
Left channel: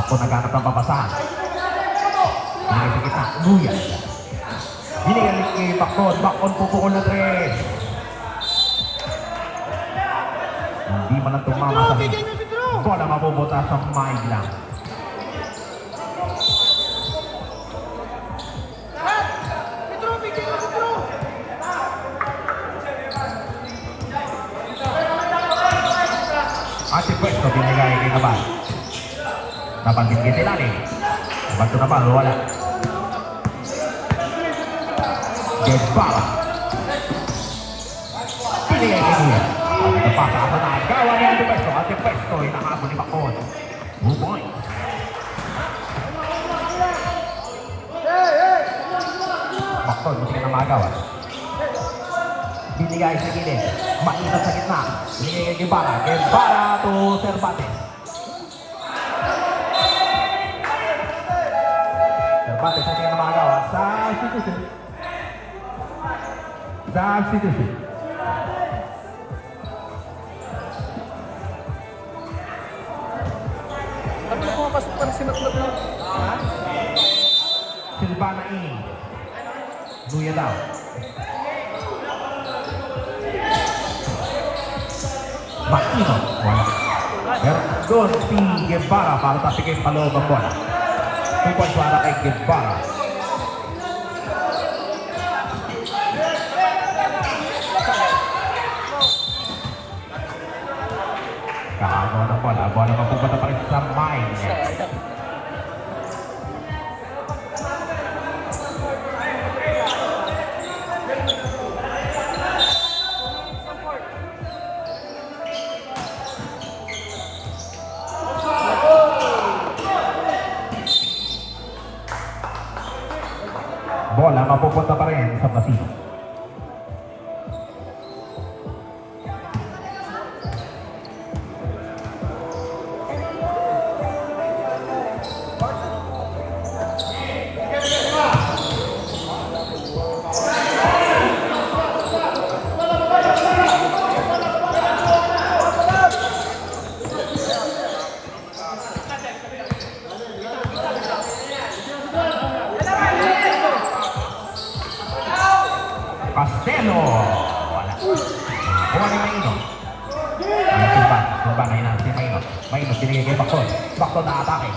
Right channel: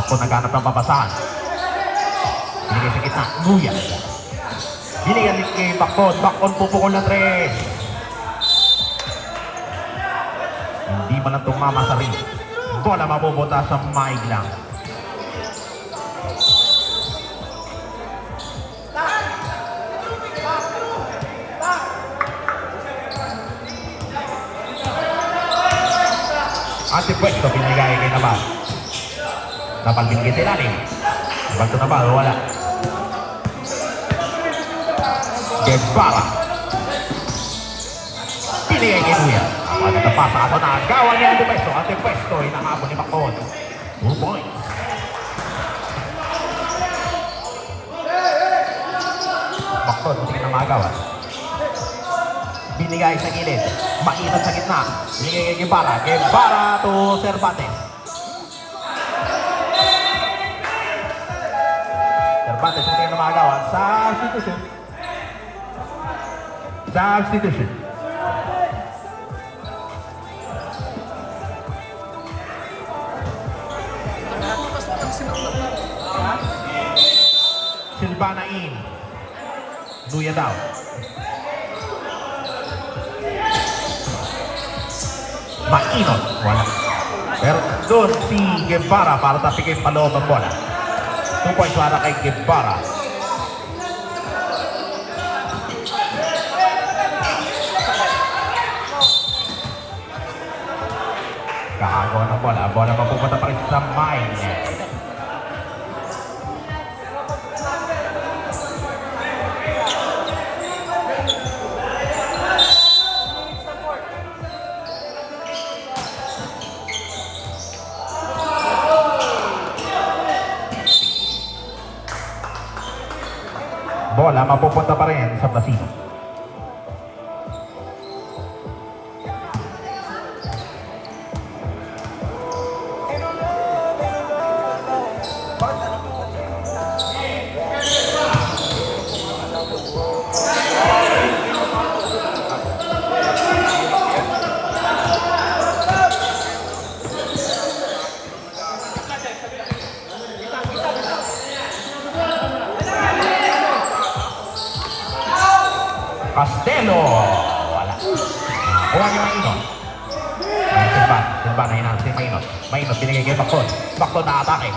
Bakpon naghanap ng papasahan. Binigay sa gitna. Nuyan. Binigay kay Bakpon. Bakpon pupukol na 3. Hindi man ang tumama sa ring. Bola mapupunta sa maig lang. Antipuesto binigay kay Nabal. Nabal binigay sa ilalim. Bantu Nabal, wala. Guevara. Binigay kay Nuyan. Ako na napasa ako na. Gawa ni Antipuesto. Antipuesto, inahabol ni Bakon. 2 points. Bakon, gusto na magawa. Binigay sa gilid. Mainat sa gitna. Binigay kay Guevara. Guevara to Cervantes. Cervantes hindi na magawa. Substitution. Substitution. Silvana in. Nuya down. Makinot, wala. Pero doon si Guevara para tapikin paloob ang bola. 2 points para kay Guevara. Kakagawa ng bola. Bola mapupunta pa rin sa mine. bola mapupunta pa rin sa Blasino. Castelo. Wala. Kuha niya ang Ino. Simba na yun si Mainot. Mainot binigay kay Bakton. Bakton na atake.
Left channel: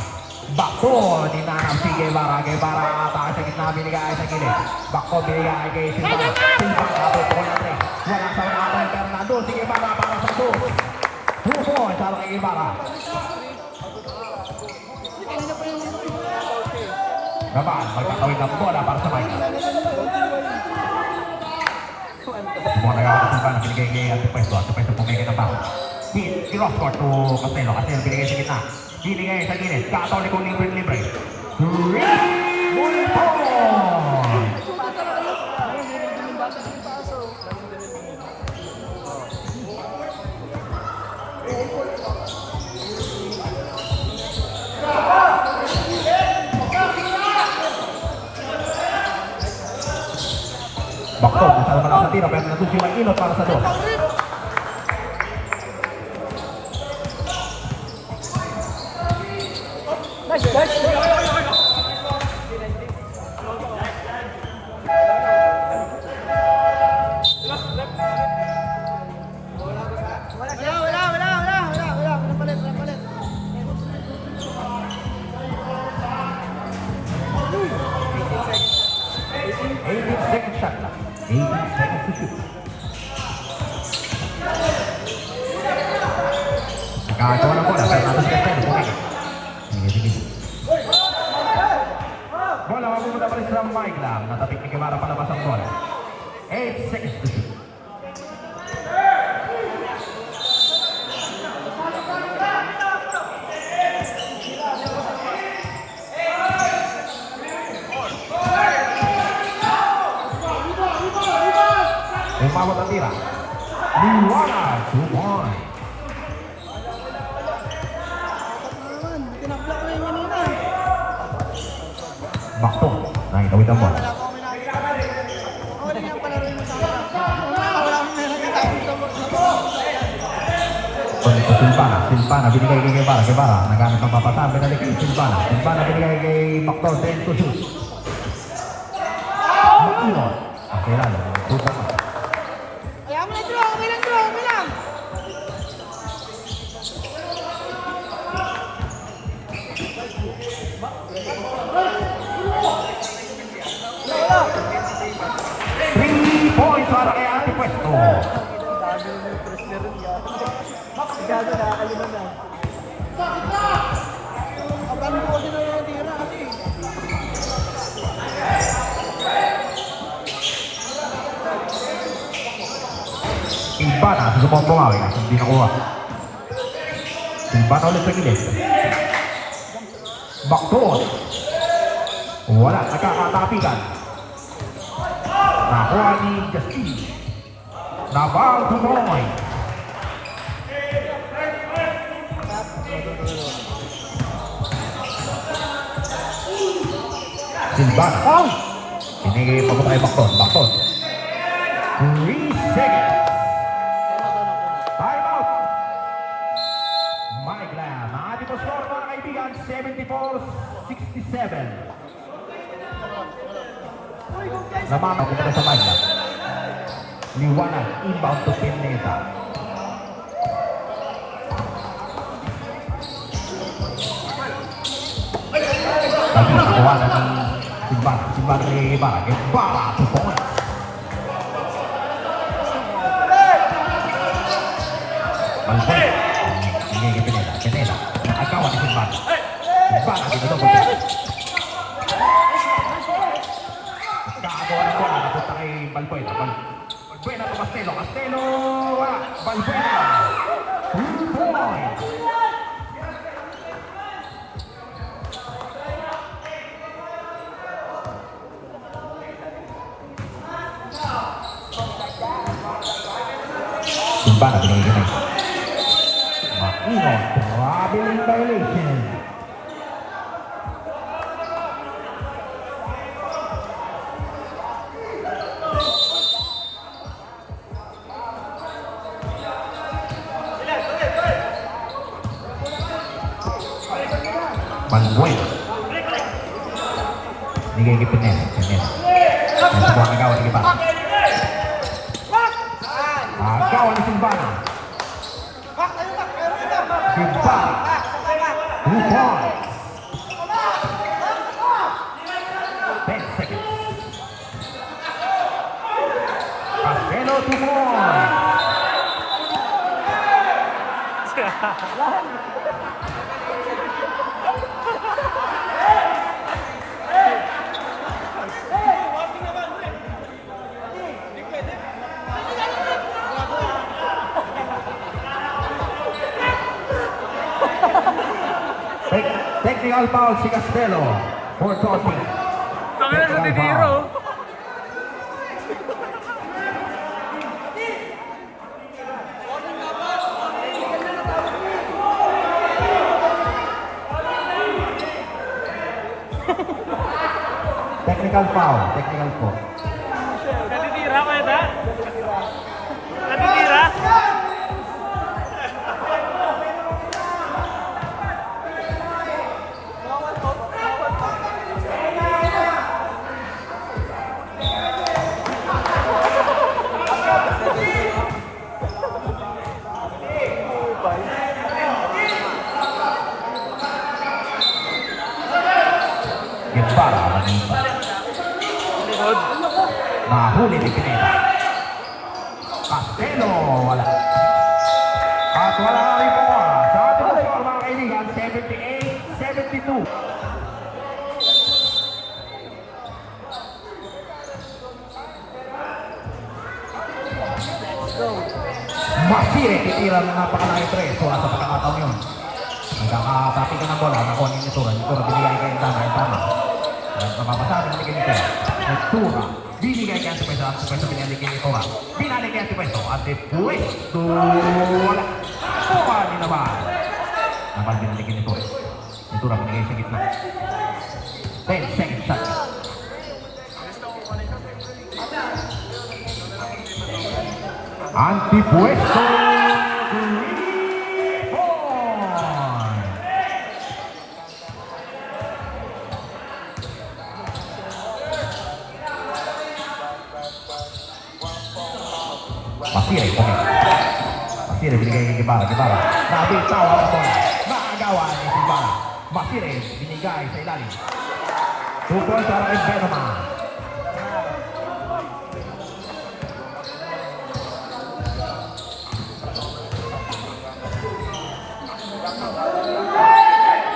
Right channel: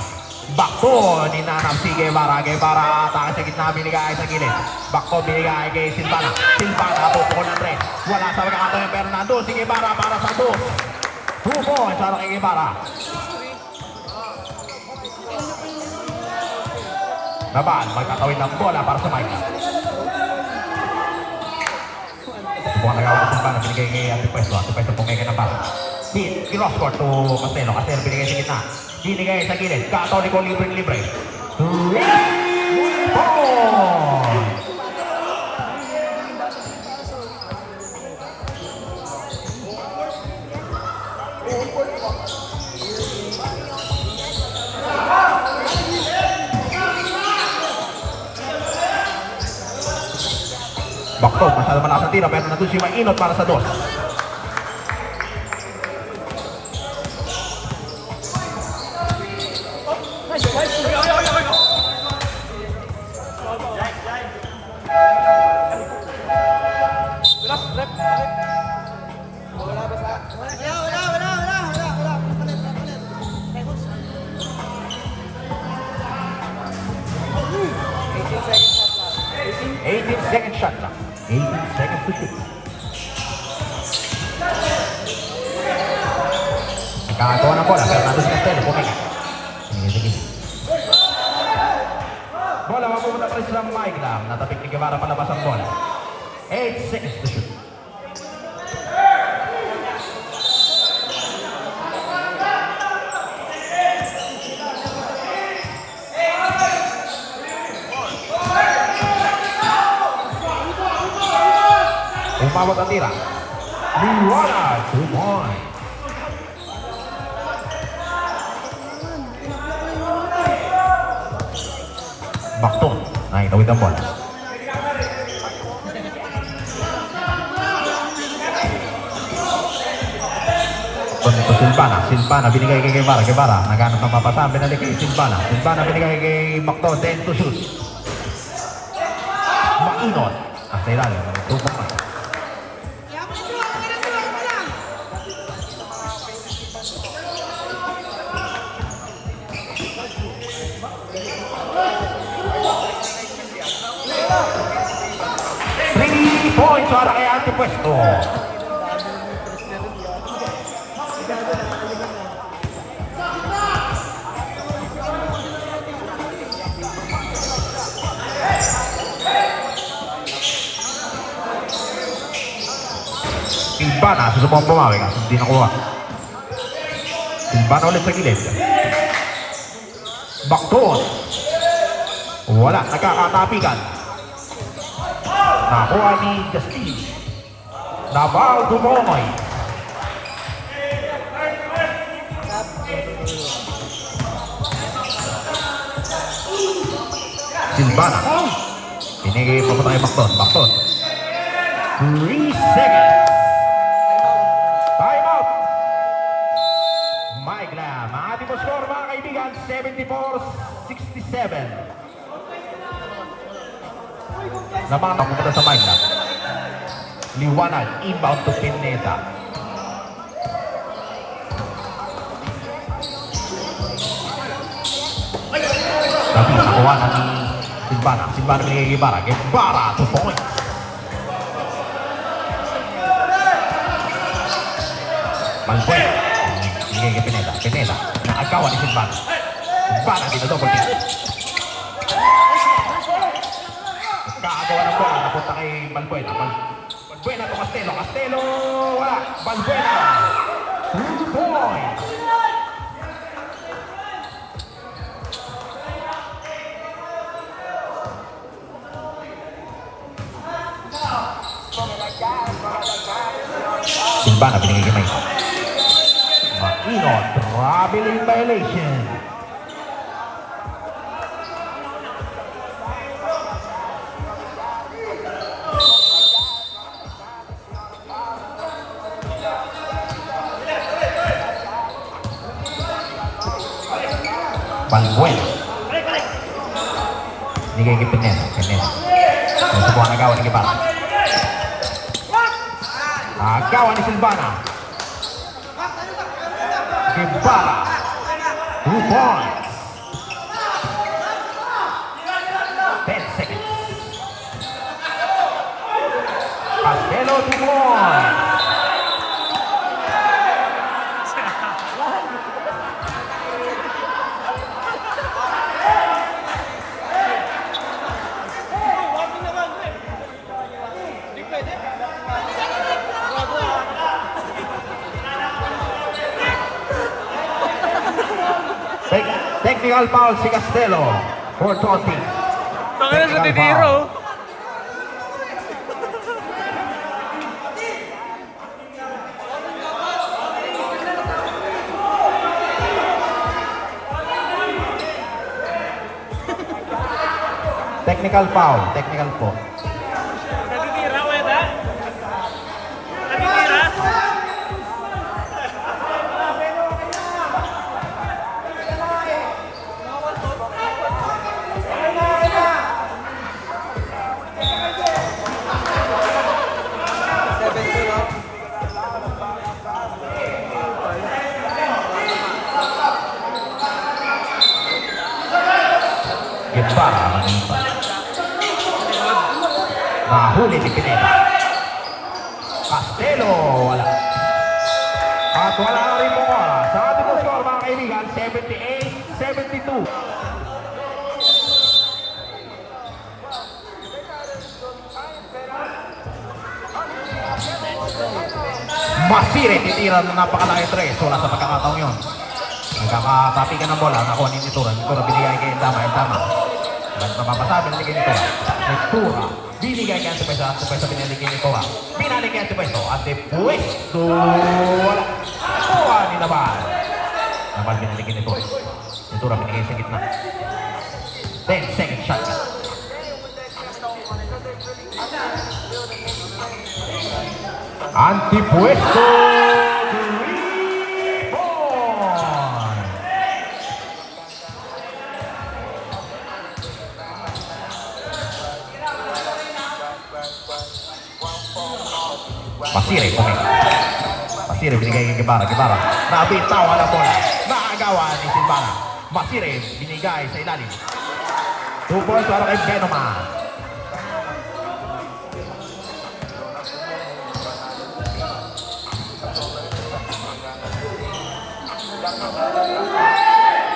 Bakton ninanap si Guevara. Guevara atake sa gitna binigay sa gilid. Bakton binigay kay Silvana. Silvana tutukol na 3. Wala sa nakatang yung Fernando. Si Guevara para sa 2. 2 points para kay Guevara. Naman, magkakawin ng bola para sa Mainot. Buwan na lang Silvana, binigay kay Antipuesto. Antipuesto pumigay ng pass. Cross-court to Castelo. Castelo binigay sa gitna. Binigay sa gilid. Kataw ni Cole libre. 3 points! Bakton, masyado malakas ang tira, pero nandun si Mainot para sa 2. Second shot lang. 18 seconds to shoot. Nakakatawa na bola. Fernando si Castelo. Bola mapupunta pa rin sa Mike lang. Natapik ni Guevara palabas ang bola. 8 seconds to shoot. Umabot ang tira. Liwala. 2 points. Bakton. Nakitawid ang bola. Silvana. Silvana binigay kay Guevara. Guevara naghanap ng papasa. Binalik kay Silvana. Silvana binigay kay Bakton. 10 to shoot. Mainot. Sa ilalim. 2 points. Points para kay Antipuesto. Silvana, susubok bumawi kasi hindi nakuha. Silvana ulit sa gilid. Bakton. Wala, nagkakatapikan. Nakuha ni Justin. Naval Dumoy. Silvana. Pinigay papunta kay Bakton. Bakton. 3 seconds. Time out. Mike Lam. Ang ating score mga kaibigan, 74-67. Naman papunta sa Mike Lam. Liwanag, inbound to Pineda. Tapos nakuha na ni Silvana. Silvana ni Guevara. Guevara, 2 points. Malbuena. Hindi kay Pineda. Pineda. Naagawa ni Silvana. Silvana, dinadouble check. Nagkakagawa ng bola. Napunta kay Malbuena. Malbuena to Castelo. Castelo. Wala. Malbuena. 2 points. Simbana, binigay kay Mike. Makinot, traveling violation. Manuel. Binigay kay Pines. Ang sebuah agawan ni Ibarra. Agawan ni Simbana. Ibarra. 2 points. 10 seconds. Castelo 2 points. Technical foul si Castelo for taunting. Tangan sa tiniro. Technical foul, technical po. Natitira ko yun, ha? Natitira? Ibarra. Likod. Nahuli ni Pineda. Castelo, wala. At wala na rin po bola. Sa ating score mga kaibigan, 78-72. Masire, titira na napakalaki 3. Wala sa pagkakataong yun. Nagkakapati ka ng bola. Nakuha ni Nitura. Nitura binigay kay Endama. Napapasabi na ligay nito. Nitura. Binigay kay Antipwesto. Antipwesto binalik kay Nitura. Binalik kay Antipwesto. Antipwesto. Wala. Kuha ni Nabal. Nabal binalik kay Nitura. Nitura binigay sa gitna. 10 second shot. Antipwesto. Masire, Masire binigay kay Ibarra. Nabitaw ang bola. Naagawa ni Simbana. Masire binigay sa ilalim. 2 points para kay Benoma.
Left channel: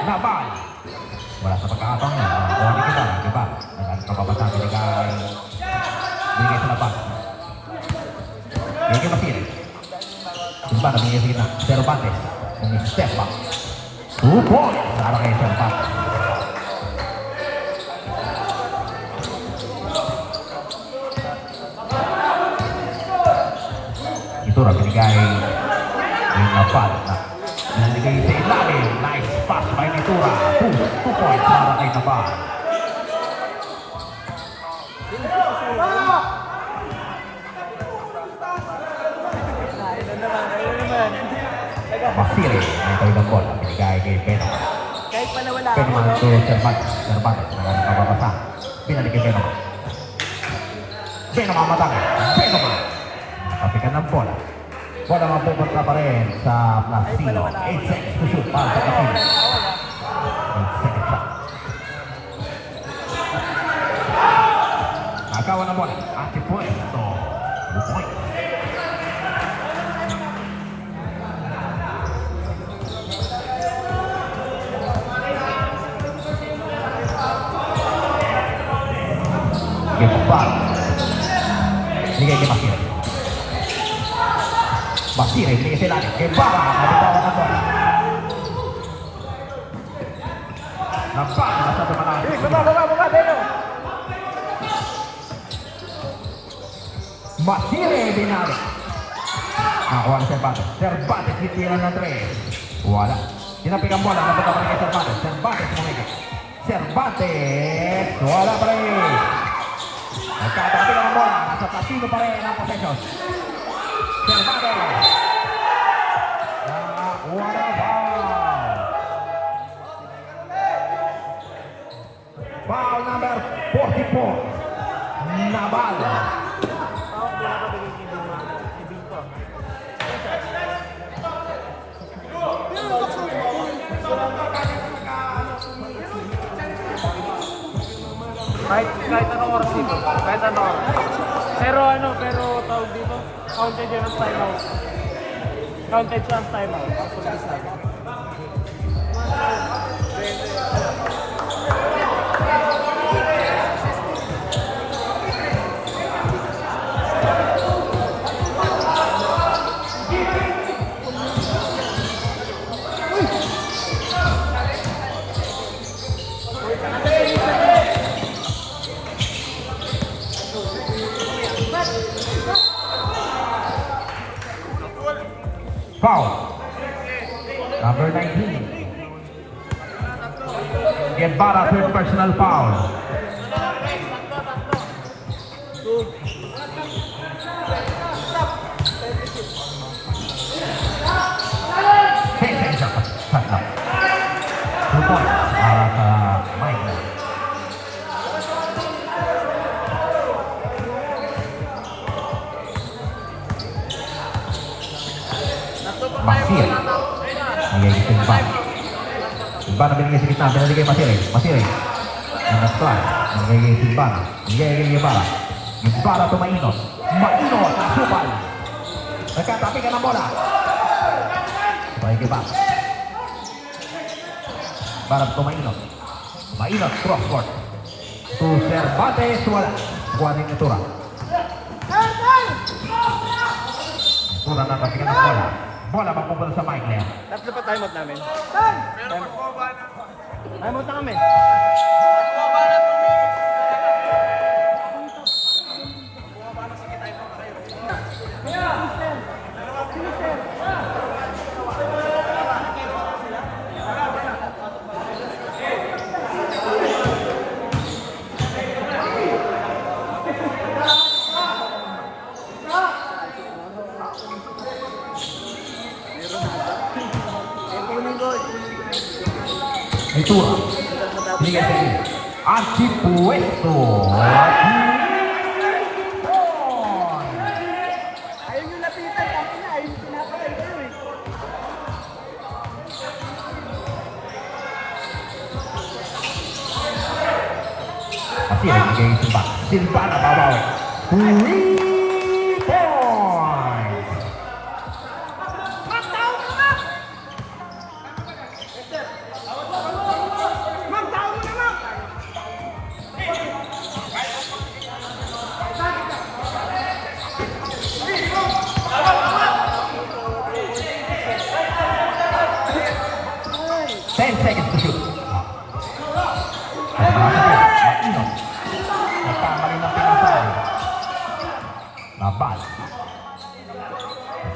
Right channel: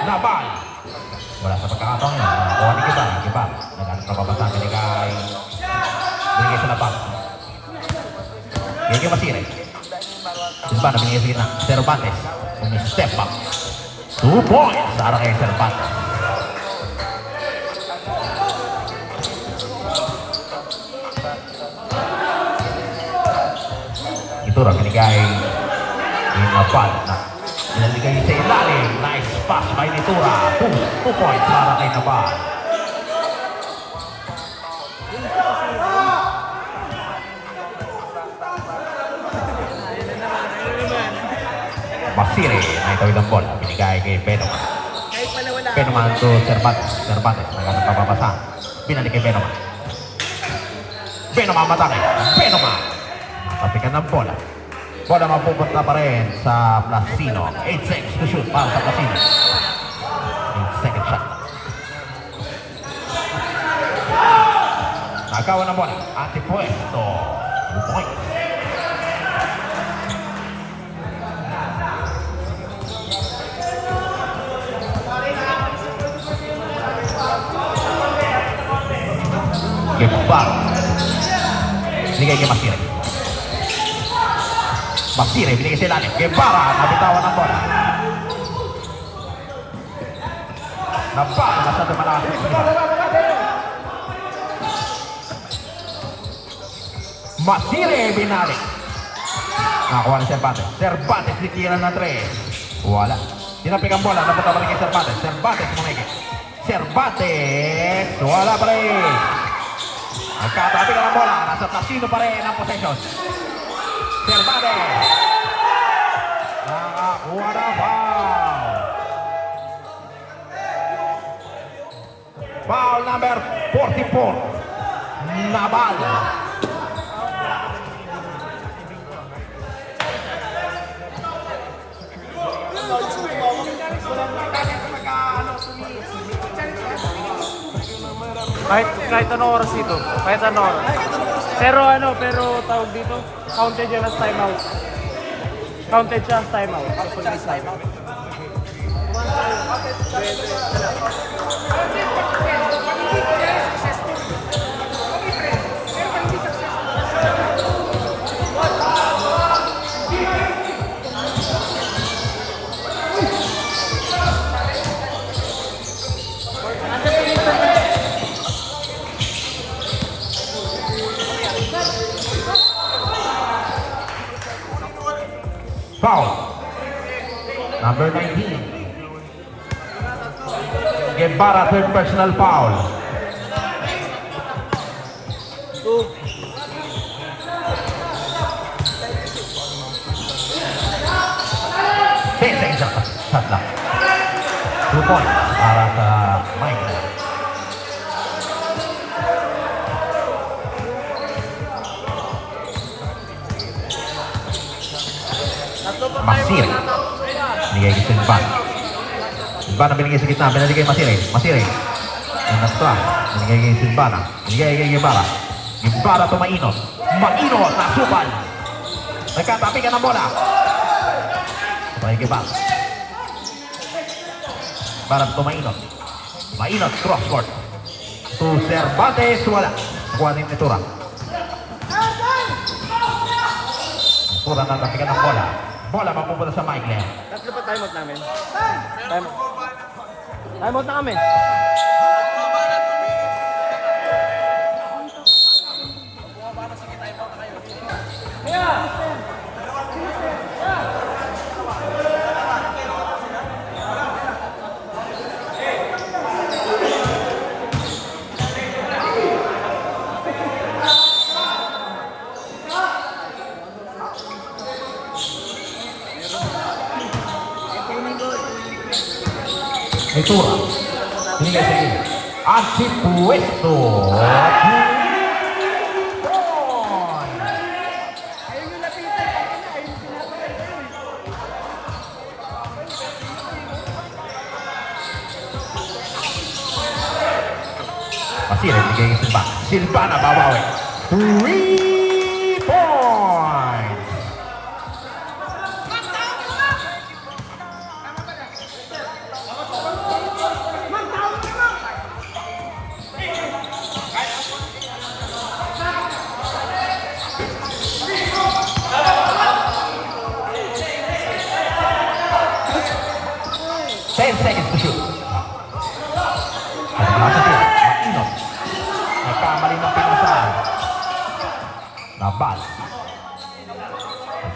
Nabal. Wala sa pagkakataong yan. Nakuha ni Ibarra. Nagano kapabasang binigay sa labas. Binigay Masire. Simbana binigay sa gitna. Cervantes. Umi-step back. 2 points para kay Cervantes. Nitura binigay yung Nabal. Binigay sa ilalim. Nice pass by Nitura. 2 points para kay Nabal. Masire, may tawid ang bola. Binigay kay Benoma. Kahit pala wala. Benoma to Cervantes. Nagano kababasa. Binalik kay Benoma. Benoma matang. Benoma. Kapikan ng bola. Bola mapupunta pa rin sa Plasino. 8 seconds to shoot para sa Plasino. 8 second shot. Nagawa ng bola. Antipwesto. 2 points. Ibarra. Binigay kay Masire. Masire, binigay sa ilalim. Ibarra, nabitawan ang bola. Nabal, masyado malaki. Baba, Deo. Masire, binalik. Nakuha ni Cervantes. Cervantes sikilan na 3. Wala. Tinapik ang bola. Napunta pa rin kay Cervantes. Cervantes mungigit. Cervantes. Wala pa rin. Nagkatapik ang bola. Nasa platino pa rin ang possession. Cervantes. Nakakuha na foul. Foul number 44. Nabal. Kahit ano oras dito. Kahit ano oras. Pero tawag dito, counted yan as timeout. Counted siya as timeout. Foul. Number 19. Guevara, third personal foul. Shot lang. 2 points para sa Mike. Masir. Nagiging Silvan. Silvan na binigay sa gitna. Binigay kay Masir. Masir. Yung nag-try. Binigay kay Silvan. Binigay kay Guevara. Guevara to Mainot. Mainot na supal. Nagkatapi ka ng bola. Sabay Guevara. Para to Mainot. Mainot cross-court. To Cervantes. Wala. Nakuha din ni Tura. Tura na tapikan ng bola. Bola mapupunta sa Mike niya. Tatlo pa timeout namin. Timeout na kami. Ito. Hindi sa iyo. At si Puesto. Ayaw nyo lapitan, kasi na, ayaw nyo pinapatay kayo eh. Masir, ibigay Silva. Silva na babawi. 3 points.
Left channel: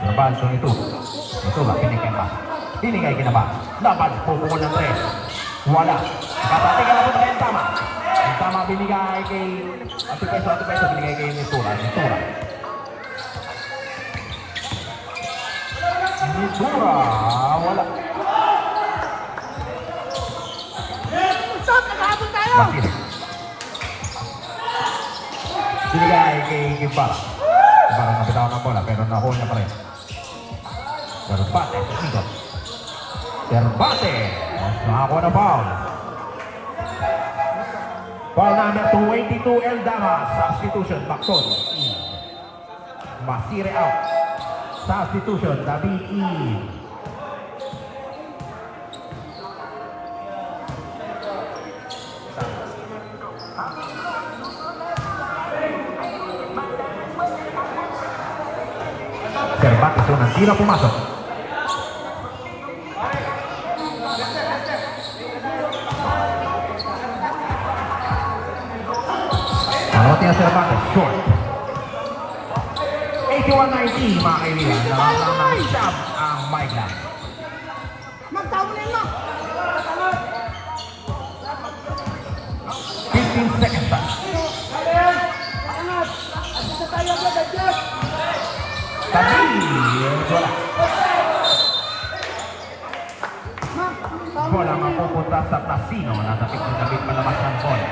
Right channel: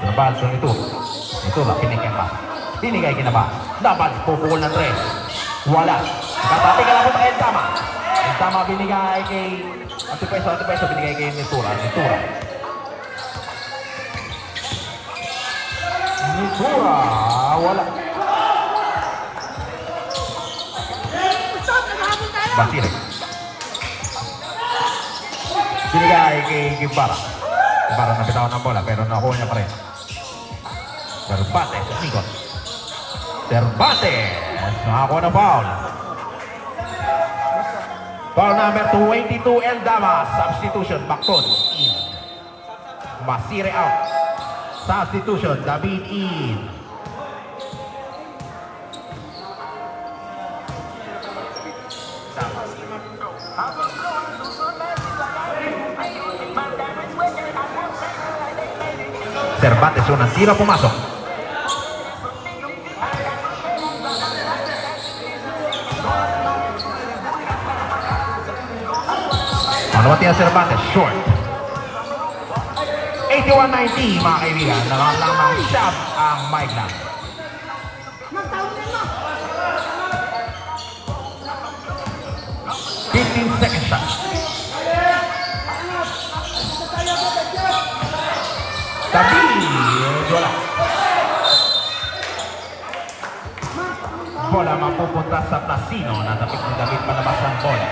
Nabal kung ito. Ito lang, pinigay ba? Pinigay ka na ba? Nabal, pupukul ng 3. Wala. Kapati ka na po tayo tama. Ang tama binigay kay... Ito peso, binigay kay Nitura. Nitura, wala. Bakit? Binigay kay Guevara. Guevara na bitawan ng bola pero nakuha niya pa rin. Cervantes, ikot. Cervantes, nakakuha na foul. Foul number 22, Eldama. Substitution, Macton. Masire out. Substitution, David E. Cervantes, unang tira pumasok. Ano tira Cervantes? Short. 8 81-90 mga kaibigan. Nang shot ang Maitland. 15 seconds na. Tapi, wala. Bola mapupunta sa Plasino. Natapit ni David palabas ng bola.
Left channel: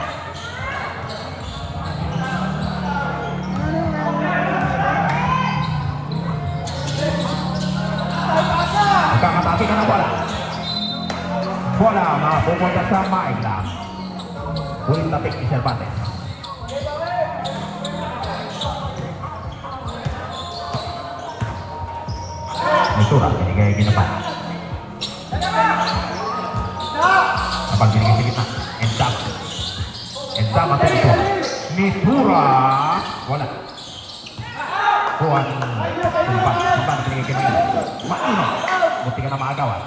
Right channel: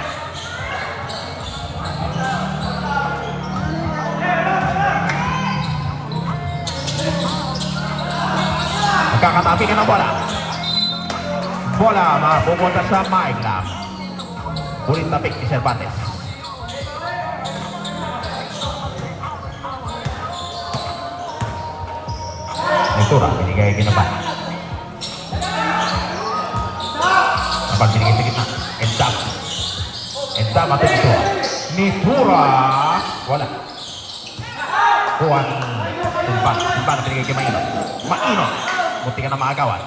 Magkakatabi ka ng bola. Bola mapupunta sa Maitland. Ulit tapik ni Cervantes. Ito lang, binigay binaba. Habang binigay sa gitna. Endam. Endam at ito. Mitura. Wala. Juan. Silvan. Silvan binigay kay Maino. Maino. Munti ka na maagawan.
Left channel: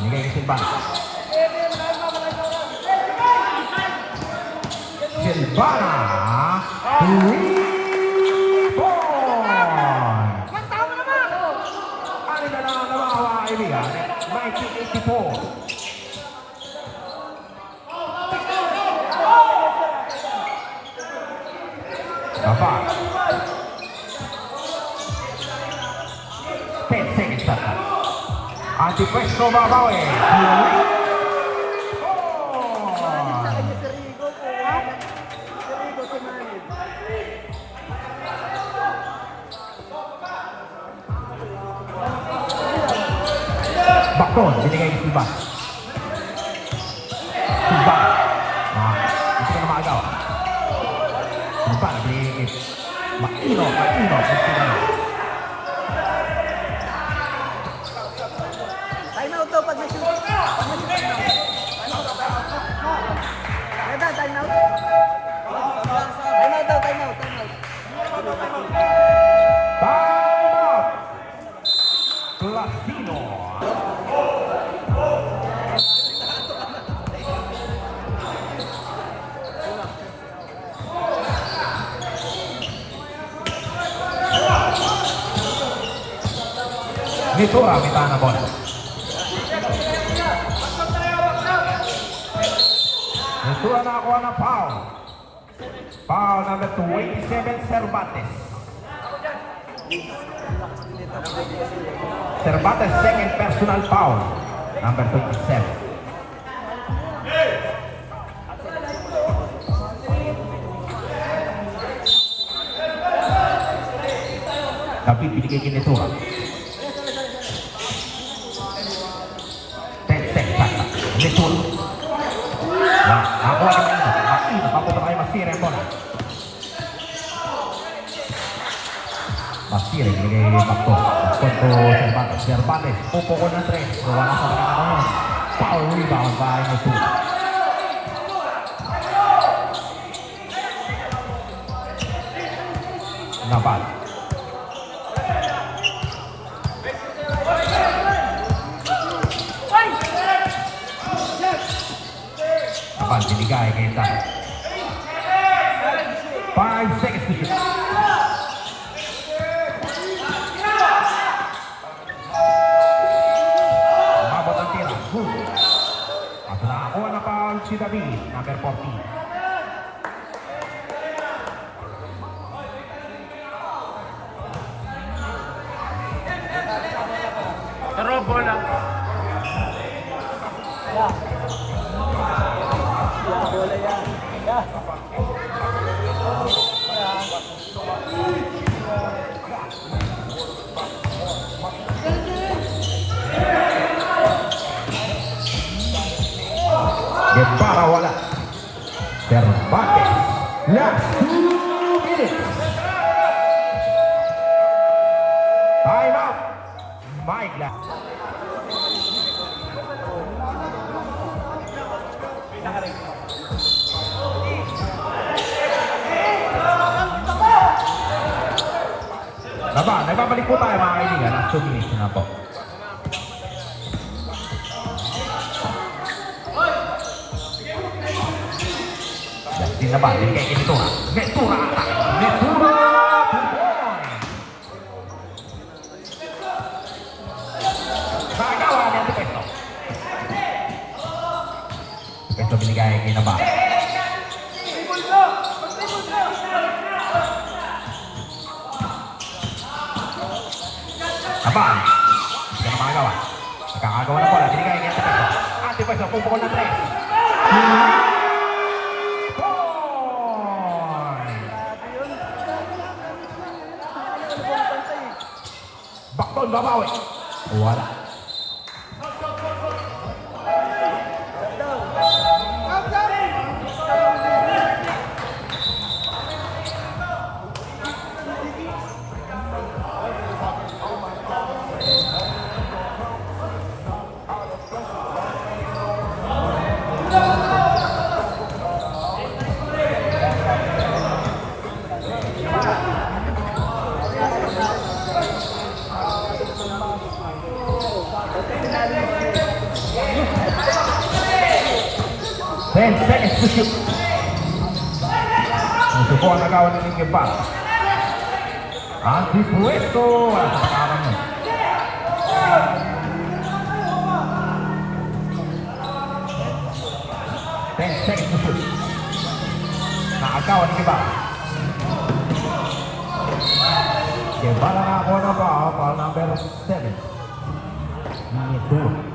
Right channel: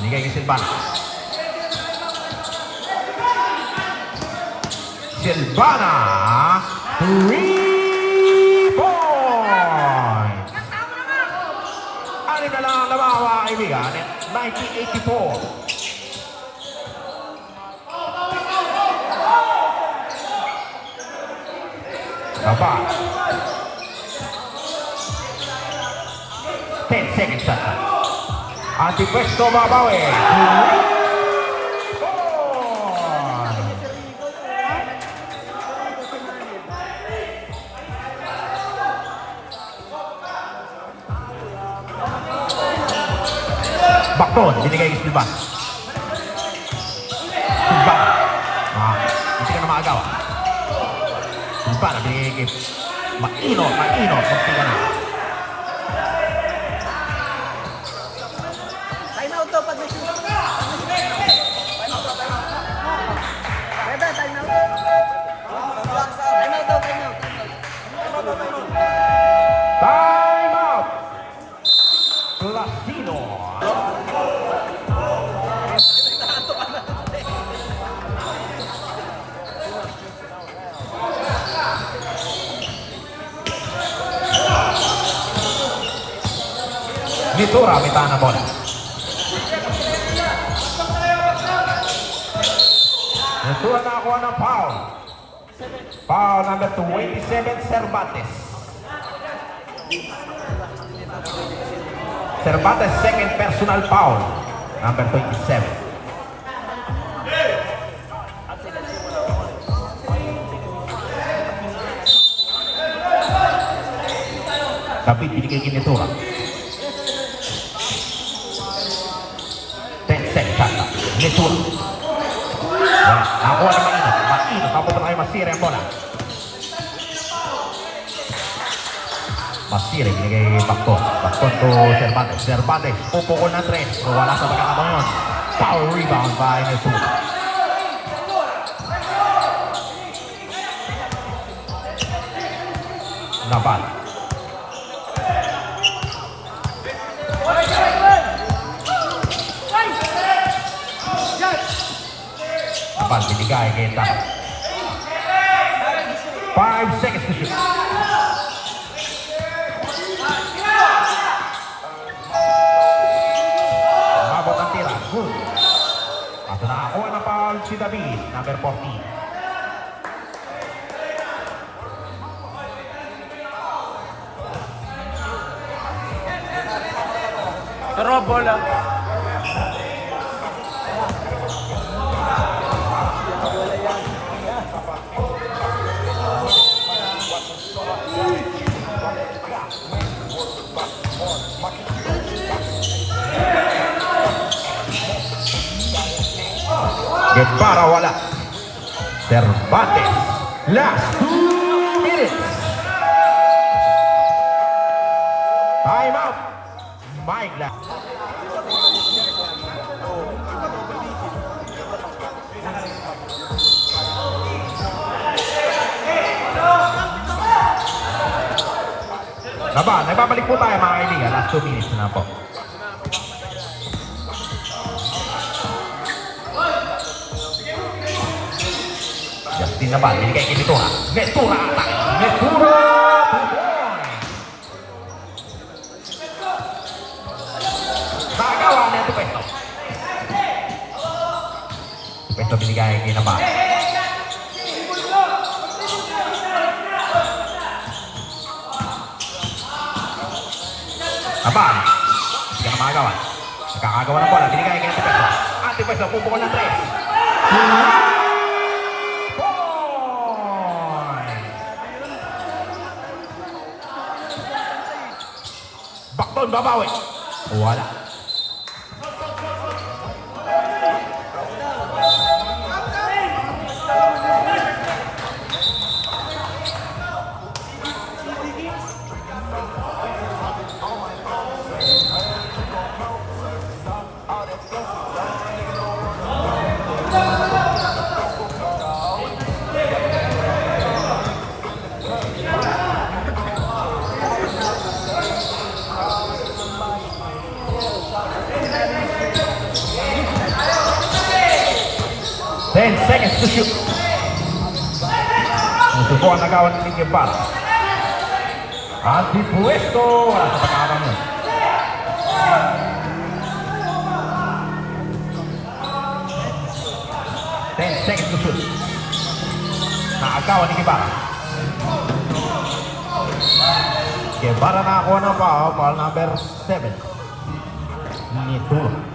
Binigay kay Silvan. Silvana. 3 points. Ano na lang na mga kaibigan? 1984. Apa? 10 seconds na. Antipresto babawi. Bakon, binigay ni Silvan. Silvan. Hindi ka na maagaw. Silvan, binigay kay Maino. Maino, hindi ka na. Time out daw pag na-shoot. Pag na-shoot, time out. Ganda, time out. Time out daw, time out, time out. Time out! Plasino. Mitura, kita na bola. Mitura na ako ng foul. Foul number 27, Cervantes. Cervantes second personal foul. Number 27. David binigay kay Mitura. 10 seconds. Mitura. Ako ang Maino. Papunta kayo masira yung bola. Masira, binigay Bakton. Bakton to Cervantes. Cervantes, pupukol na 3. Wala sa pagkakataon. Foul rebound by Mitura. Nabal. Nabal, binigay kay Tan. 5 seconds to shoot. Nabot ang tira. Good. At nakakuha ng foul si David, number 14. Pero bola. Bola yan. Guevara wala. Cervantes. Last 2 minutes. Time out. Maitland. Naba, nagbabalik po tayo mga kaibigan. Last 2 minutes na po. Justin Naba, binigay kay Mitura. Mitura! Ito binigay kay Nabal. Nabal. Hindi na makagawa. Nakakagawa ng bola. Binigay kay Antipeso. Antipeso, pupukol ng 3. Bakton babawi. Wala. Then seconds to shoot. Ang suko ang nagawa ng Lincoln Ball. Antipuesto. Wala sa pangarang mo. Then seconds to shoot. Nakagawa ng Guevara. Guevara nakakuha ng foul number 7. Nituro.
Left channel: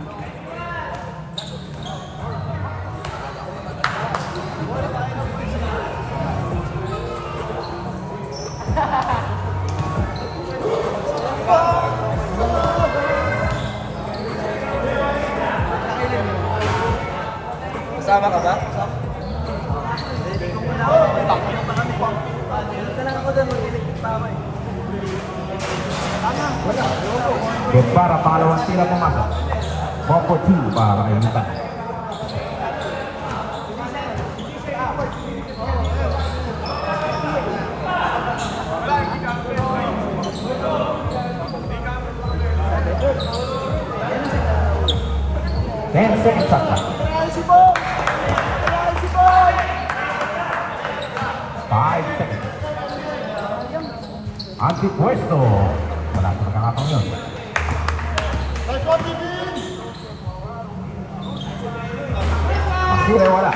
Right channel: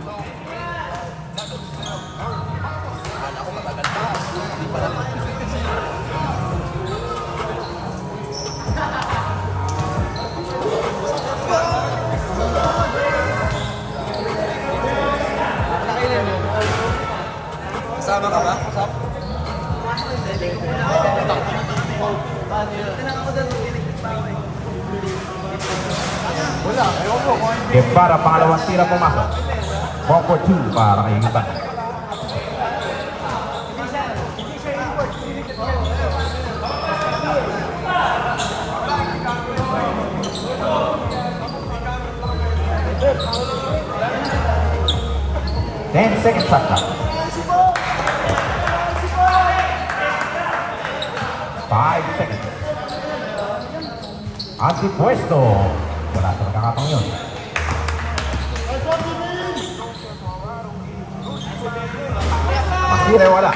Guevara, pangalawang tira pumasok. 1 for 2 para kay Iban. Then second shot clock. 5 seconds. Antipuesto. Wala sa nakakatang yun. Masura wala.